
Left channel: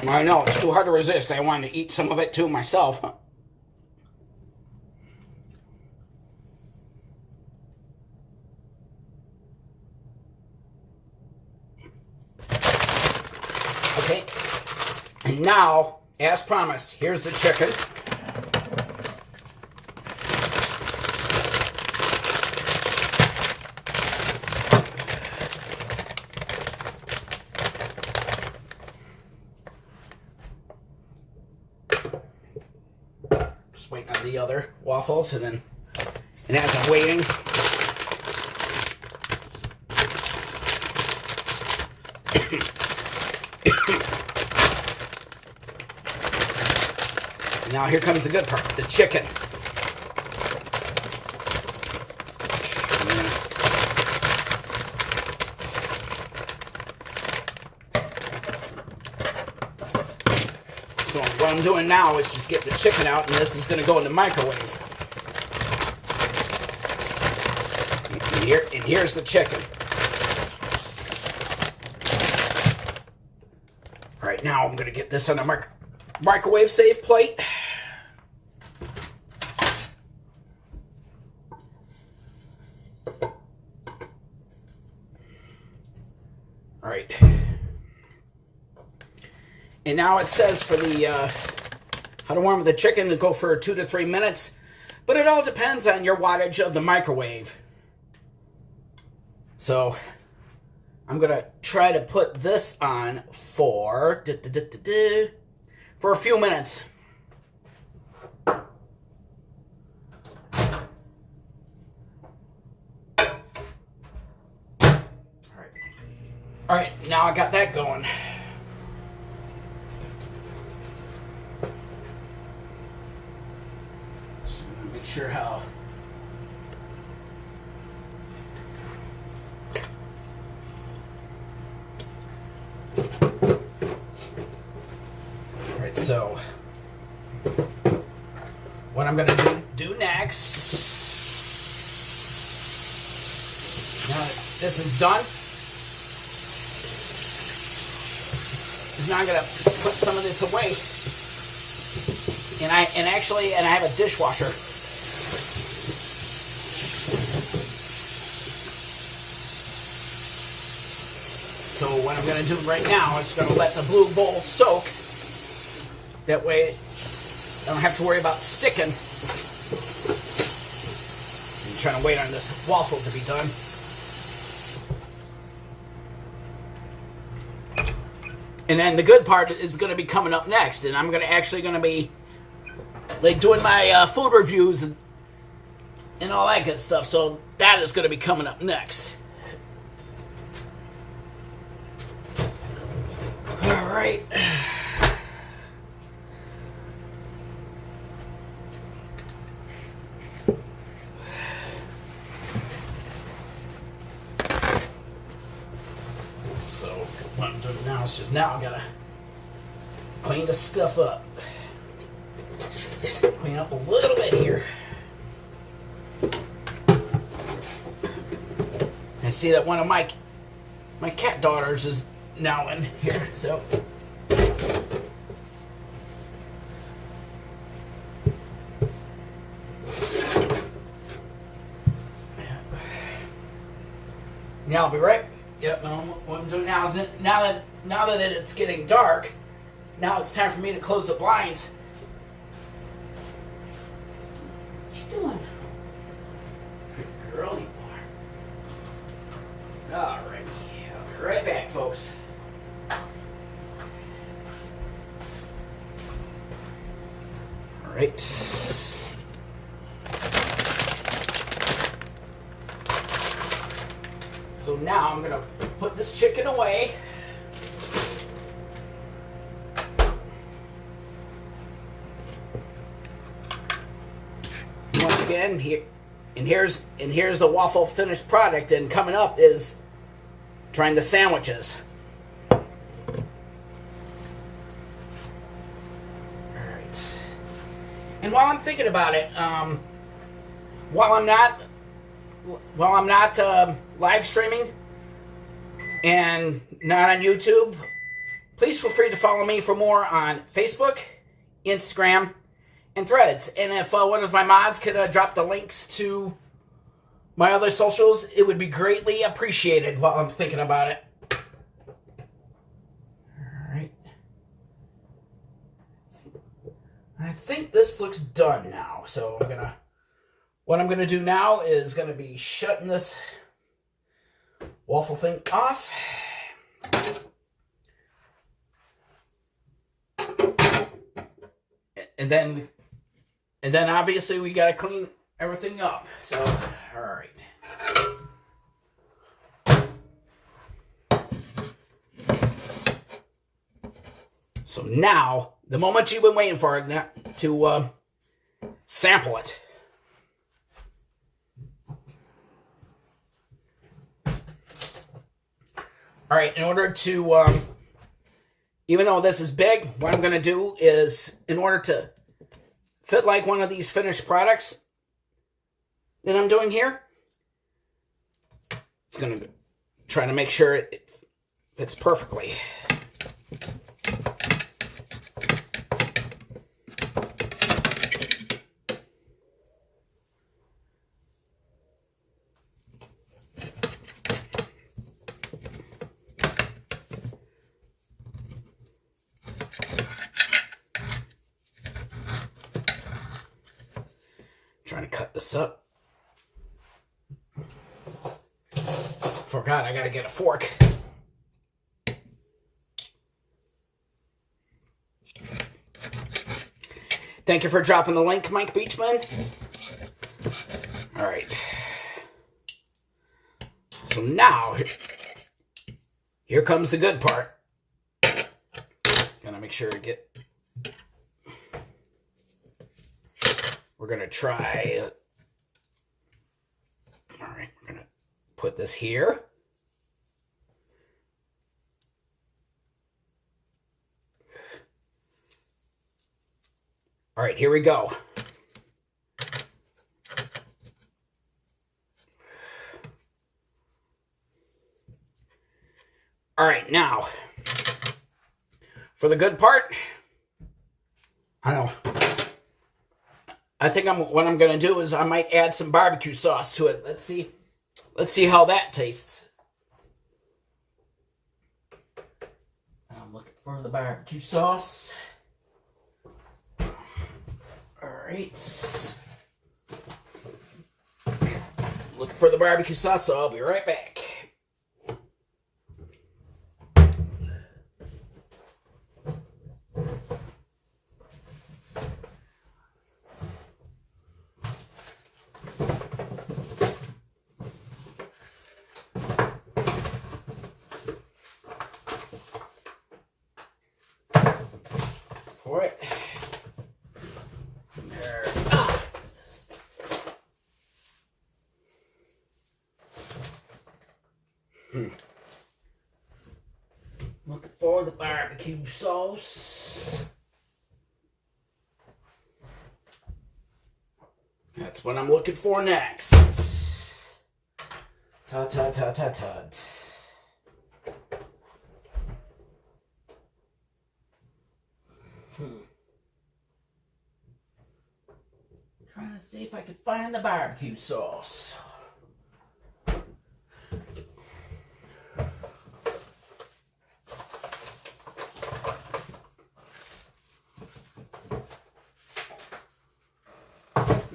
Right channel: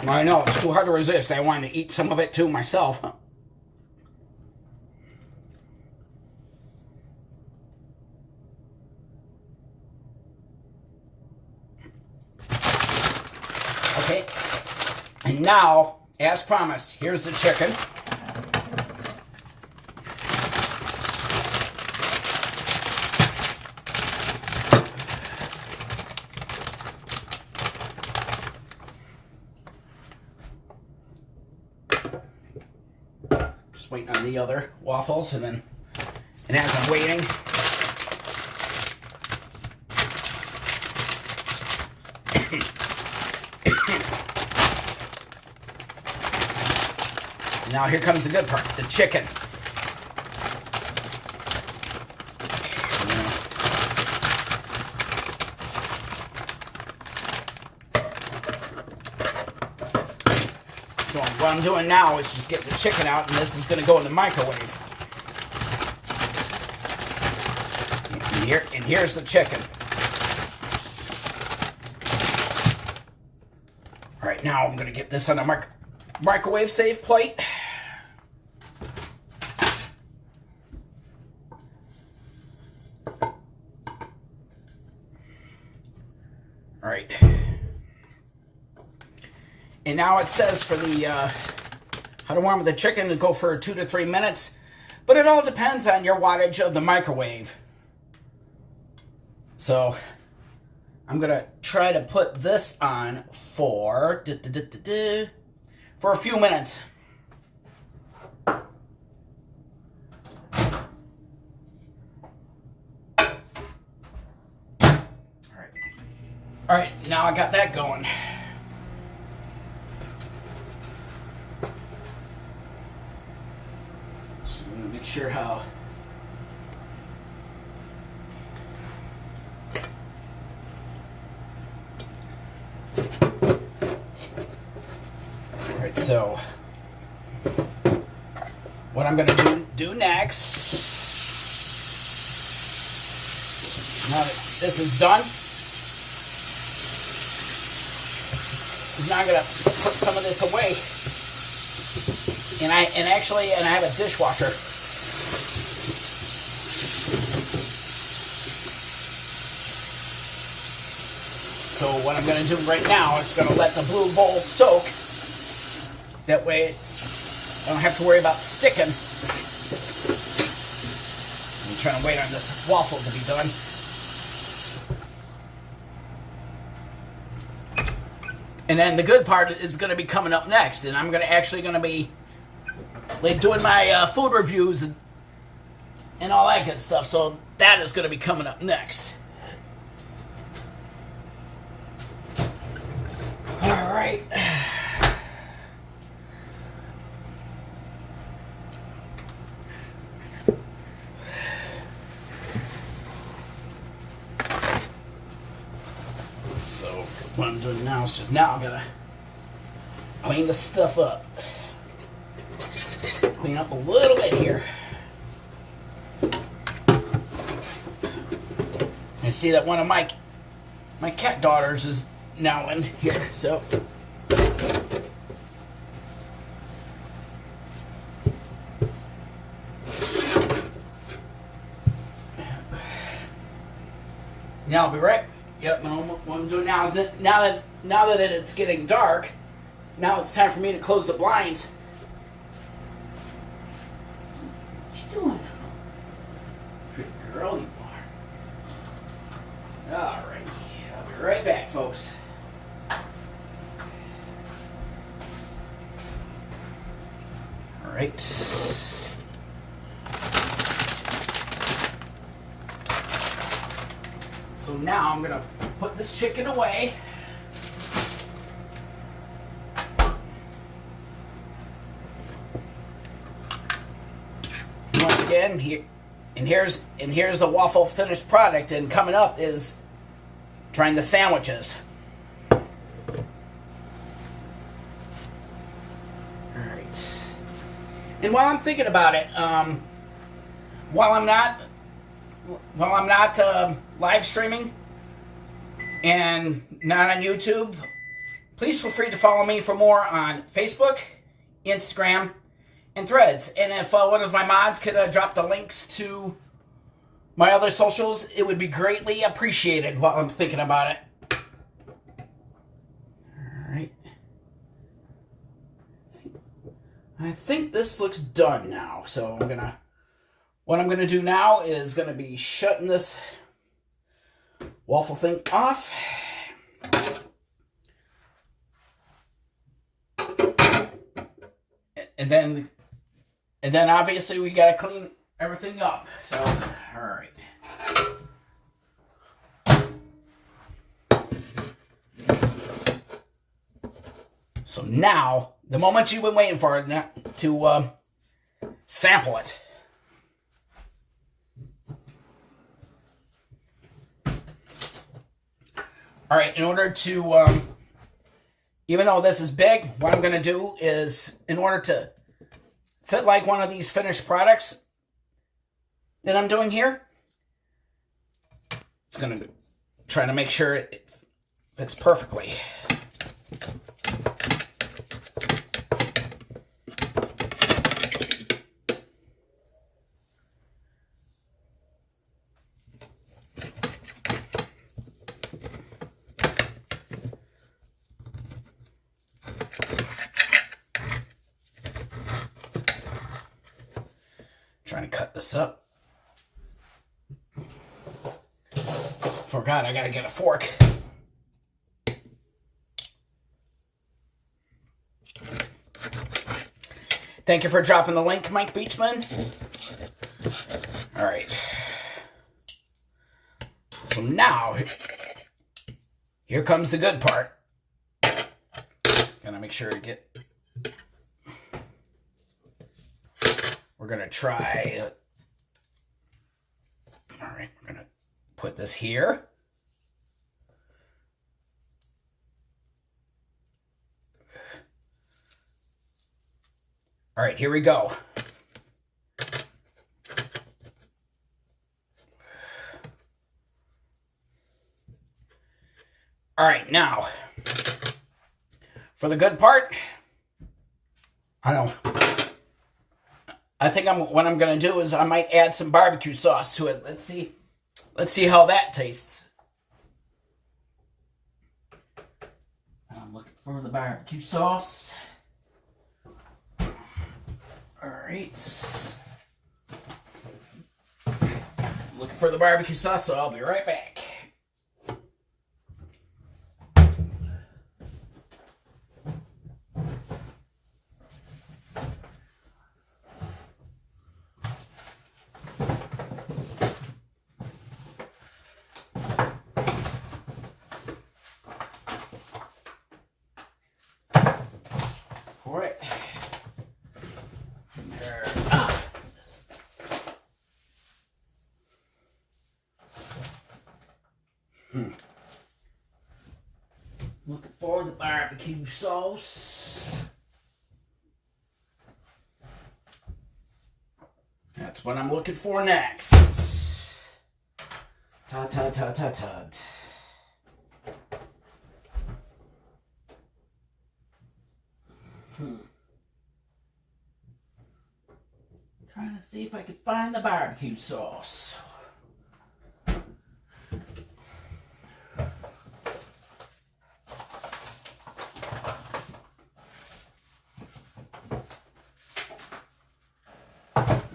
I know, it's too hard to resist. I wanted to eat some of it too myself. Okay, and now, as promised, here's the chicken. Just waiting on the other waffles, and as I'm waiting, now here comes the good part, the chicken. So what I'm doing now is just get the chicken out, and this is going to go in the microwave. And here's the chicken. All right, now I'm going to get this on a microwave safe plate. All right. And now it says for the how to warm the chicken to go for 2 to 3 minutes, but it all depends on your wattage of the microwave. So I'm gonna try to put this on for a few minutes. All right, now I got that going. So I'm gonna make sure how. All right, so what I'm gonna do next, now that this is done, is now I'm gonna put some of this away, and I have a dishwasher. So what I'm going to do right now is going to let the blue bowl soak. That way I don't have to worry about sticking. I'm trying to wait on this waffle to be done. And then the good part is going to be coming up next. And I'm actually going to be like doing my food reviews and all that good stuff. So that is going to be coming up next. All right. So what I'm doing now is now I gotta clean the stuff up. Clean up a little bit here. And see that one of my cat daughters is now in here, so now I'll be right. Yep. What I'm doing now is now that it's getting dark, now it's time for me to close the blinds. What you doing? Pretty girl you are. All right. I'll be right back, folks. All right. So now I'm gonna put this chicken away. Once again, here's the waffle finished product, and coming up is trying the sandwiches. All right. And while I'm thinking about it, while I'm not live streaming and not on YouTube, please feel free to follow me for more on Facebook, Instagram, and Threads. And if one of my mods could drop the links to my other socials, it would be greatly appreciated while I'm thinking about it. Alright. I think this looks done now. So what I'm gonna do now is gonna be shutting this waffle thing off. And then obviously we gotta clean everything up. So, all right. So now, the moment you've been waiting for, to sample it. All right, in order to, even though this is big, what I'm going to do is, in order to fit like one of these finished products that I'm doing here, it's going to try to make sure it fits perfectly. Trying to cut this up. Forgot I gotta get a fork. Thank you for dropping the link, Mike Beachman. All right. So now, here comes the good part. Gotta make sure to get. We're going to try, all right, we're going to put this here. All right, here we go. All right, now, for the good part, I don't know. I think what I'm going to do is I might add some barbecue sauce to it. Let's see how that tastes. I'm looking for the barbecue sauce. All right. Looking for the barbecue sauce, so I'll be right back. For it. There. Looking for the barbecue sauce. That's what I'm looking for next. Tut, tut, tut, tut, tut. Trying to see if I can find the barbecue sauce.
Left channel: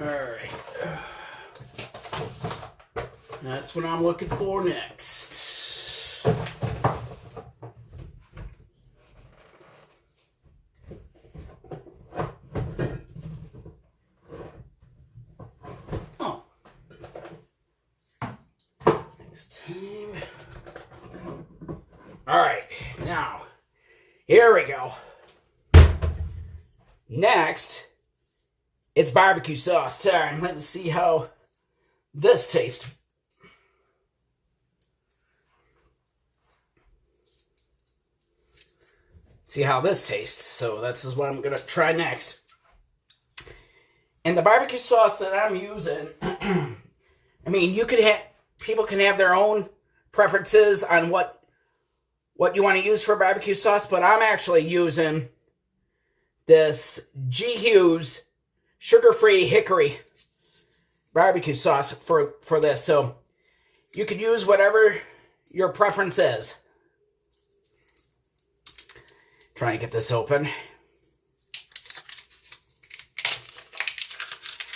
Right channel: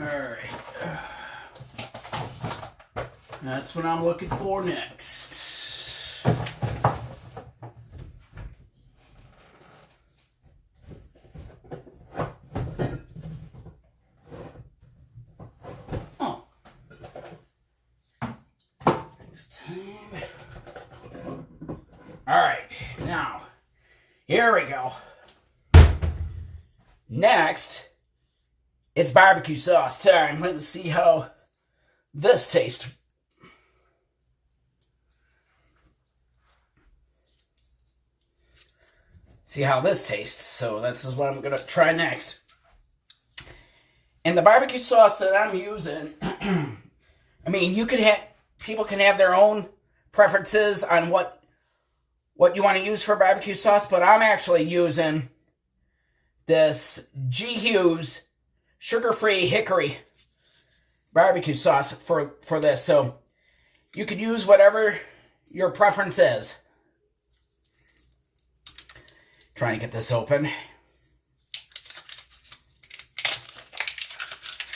Alright. That's what I'm looking for next. Oh. Next time. Alright, now, here we go. Next, it's barbecue sauce time. Let's see how this tastes. See how this tastes. So this is what I'm going to try next. And the barbecue sauce that I'm using I mean, you could have people can have their own preferences on what you want to use for barbecue sauce, but I'm actually using this G. Hughes sugar-free hickory barbecue sauce for this. So you could use whatever your preference is. Trying to get this open.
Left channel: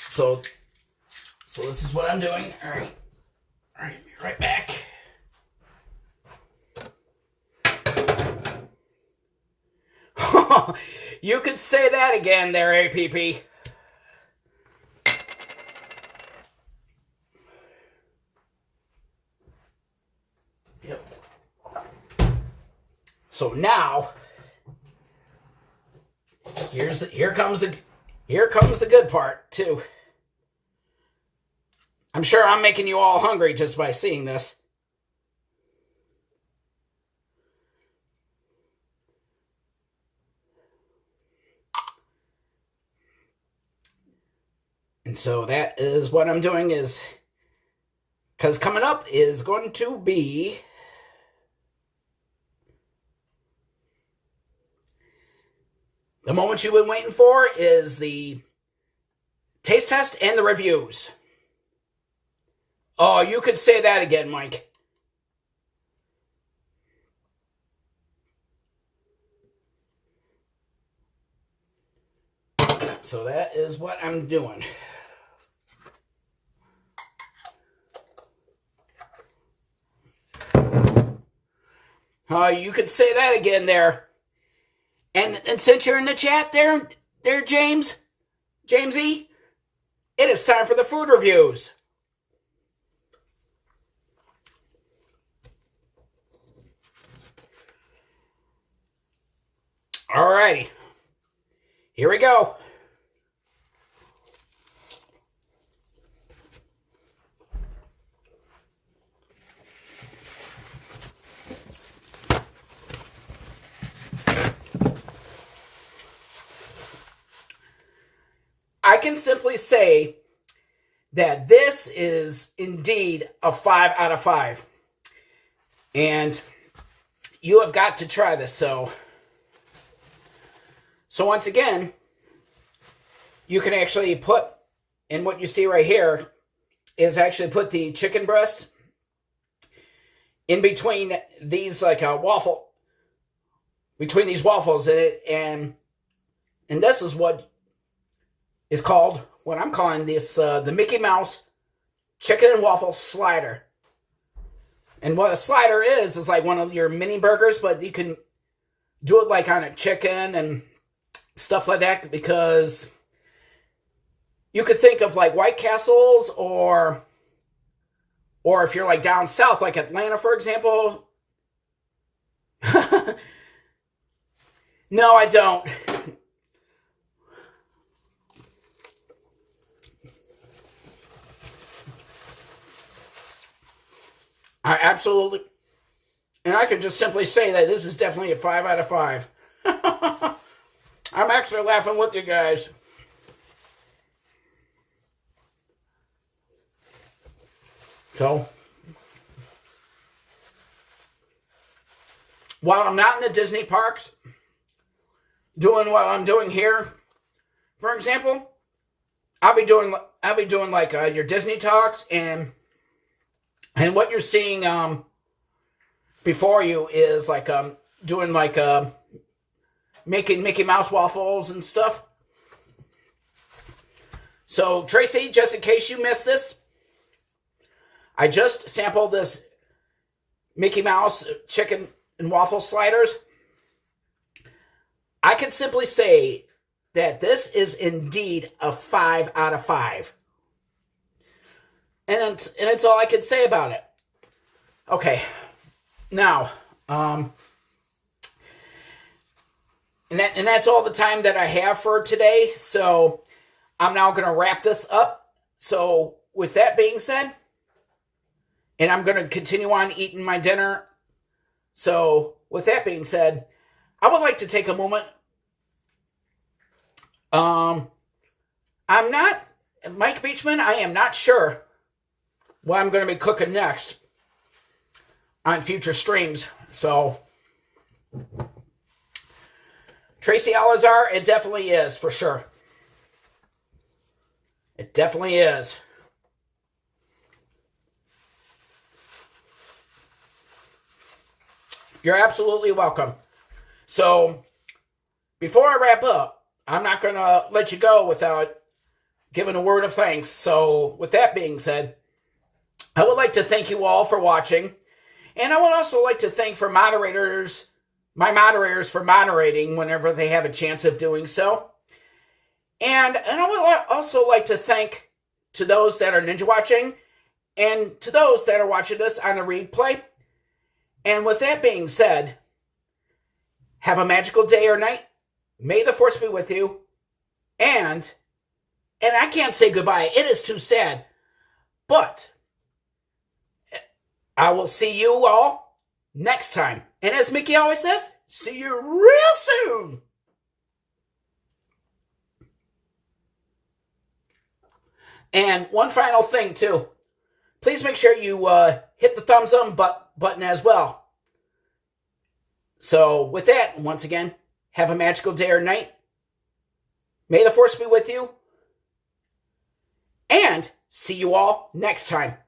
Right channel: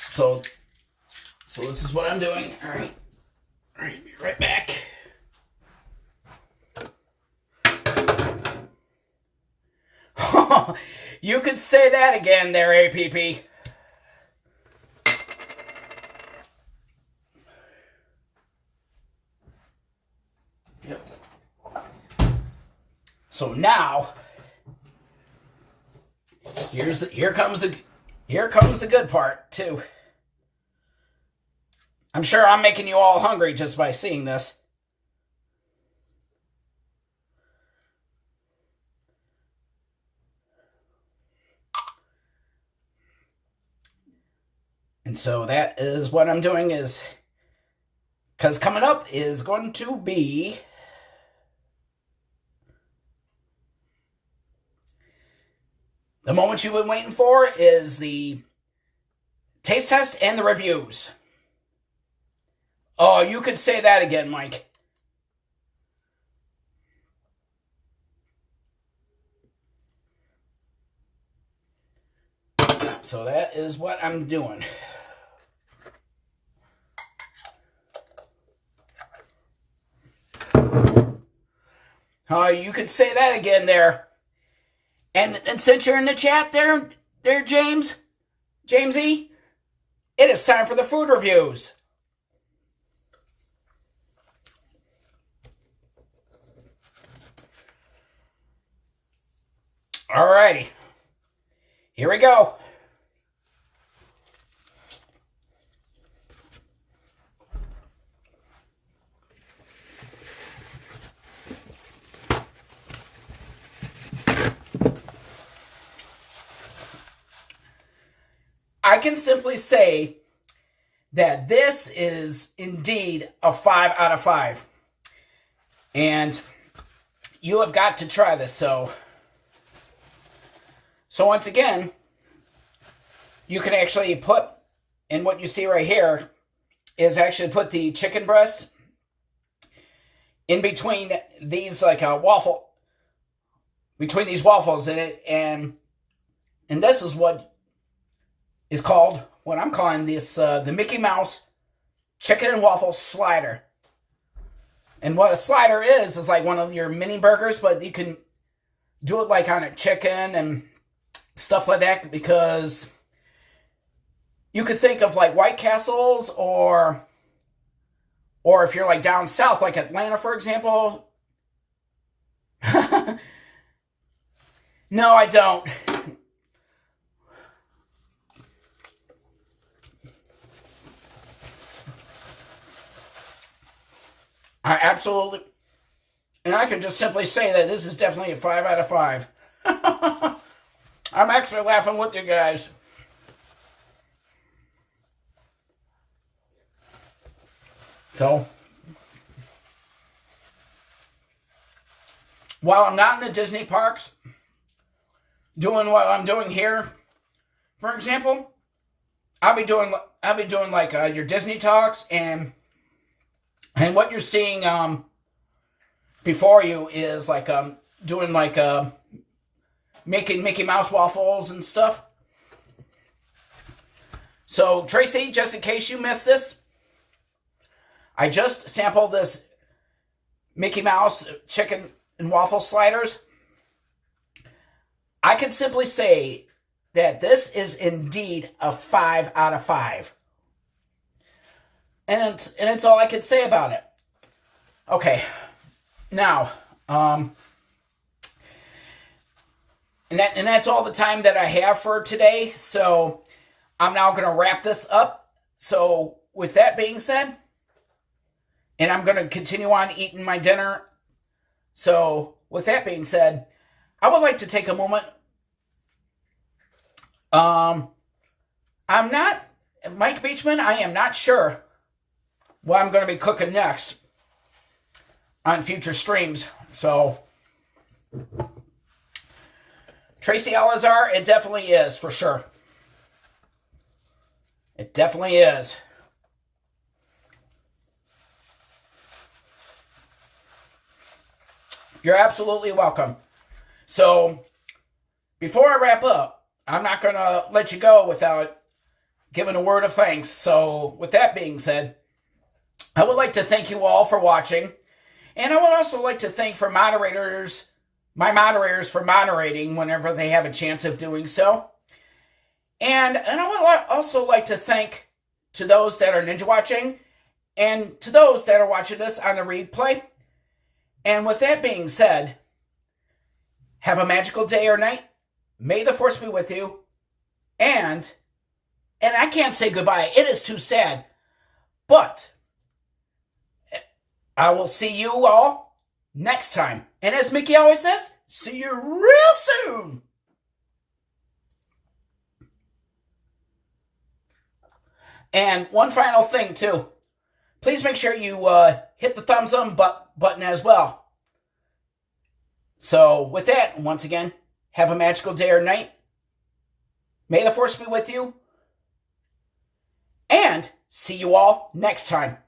So this is what I'm doing. All right, be right back. You could say that again there, APP. Yep. So now, here comes the good part too. I'm sure I'm making you all hungry just by seeing this. And so that is what I'm doing is, because coming up is going to be the moment you've been waiting for is the taste test and the reviews. Oh, you could say that again, Mike. So that is what I'm doing. You could say that again there. And since you're in the chat there, Jamesy, it is time for the food reviews. Alrighty, here we go. I can simply say that this is indeed a 5 out of 5. And you have got to try this. So once again, you can actually put, and what you see right here is actually put the chicken breast in between these, like a waffle, between these waffles in it, and this is what is called, what I'm calling this, the Mickey Mouse chicken and waffle slider. And what a slider is like one of your mini burgers, but you can do it like on a chicken and stuff like that, because you could think of like White Castles, or if you're like down south, like Atlanta, for example. No, I don't. I absolutely, and I can just simply say that this is definitely a 5 out of 5. I'm actually laughing with you guys. So, while I'm not in the Disney parks doing what I'm doing here, for example, I'll be doing like your Disney talks, and what you're seeing before you is like doing like making Mickey Mouse waffles and stuff. So Tracy, just in case you missed this, I just sampled this Mickey Mouse chicken and waffle sliders. I can simply say that this is indeed a 5 out of 5. And it's all I can say about it. Okay, now, and that's all the time that I have for today. So I'm now going to wrap this up. So with that being said, and I'm going to continue on eating my dinner. So with that being said, I would like to take a moment. I'm not Mike Beachman, I am not sure what I'm going to be cooking next on future streams. So, Tracy Alazar, it definitely is, for sure. It definitely is. You're absolutely welcome. So, before I wrap up, I'm not going to let you go without giving a word of thanks. So, with that being said, I would like to thank you all for watching. And I would also like to thank my moderators for moderating whenever they have a chance of doing so. And I would also like to thank to those that are ninja watching and to those that are watching us on the replay. And with that being said, have a magical day or night. May the force be with you. And I can't say goodbye. It is too sad. But I will see you all next time. And as Mickey always says, see you real soon. And one final thing, too. Please make sure you hit the thumbs up button as well. So, with that, once again, have a magical day or night. May the force be with you. And see you all next time.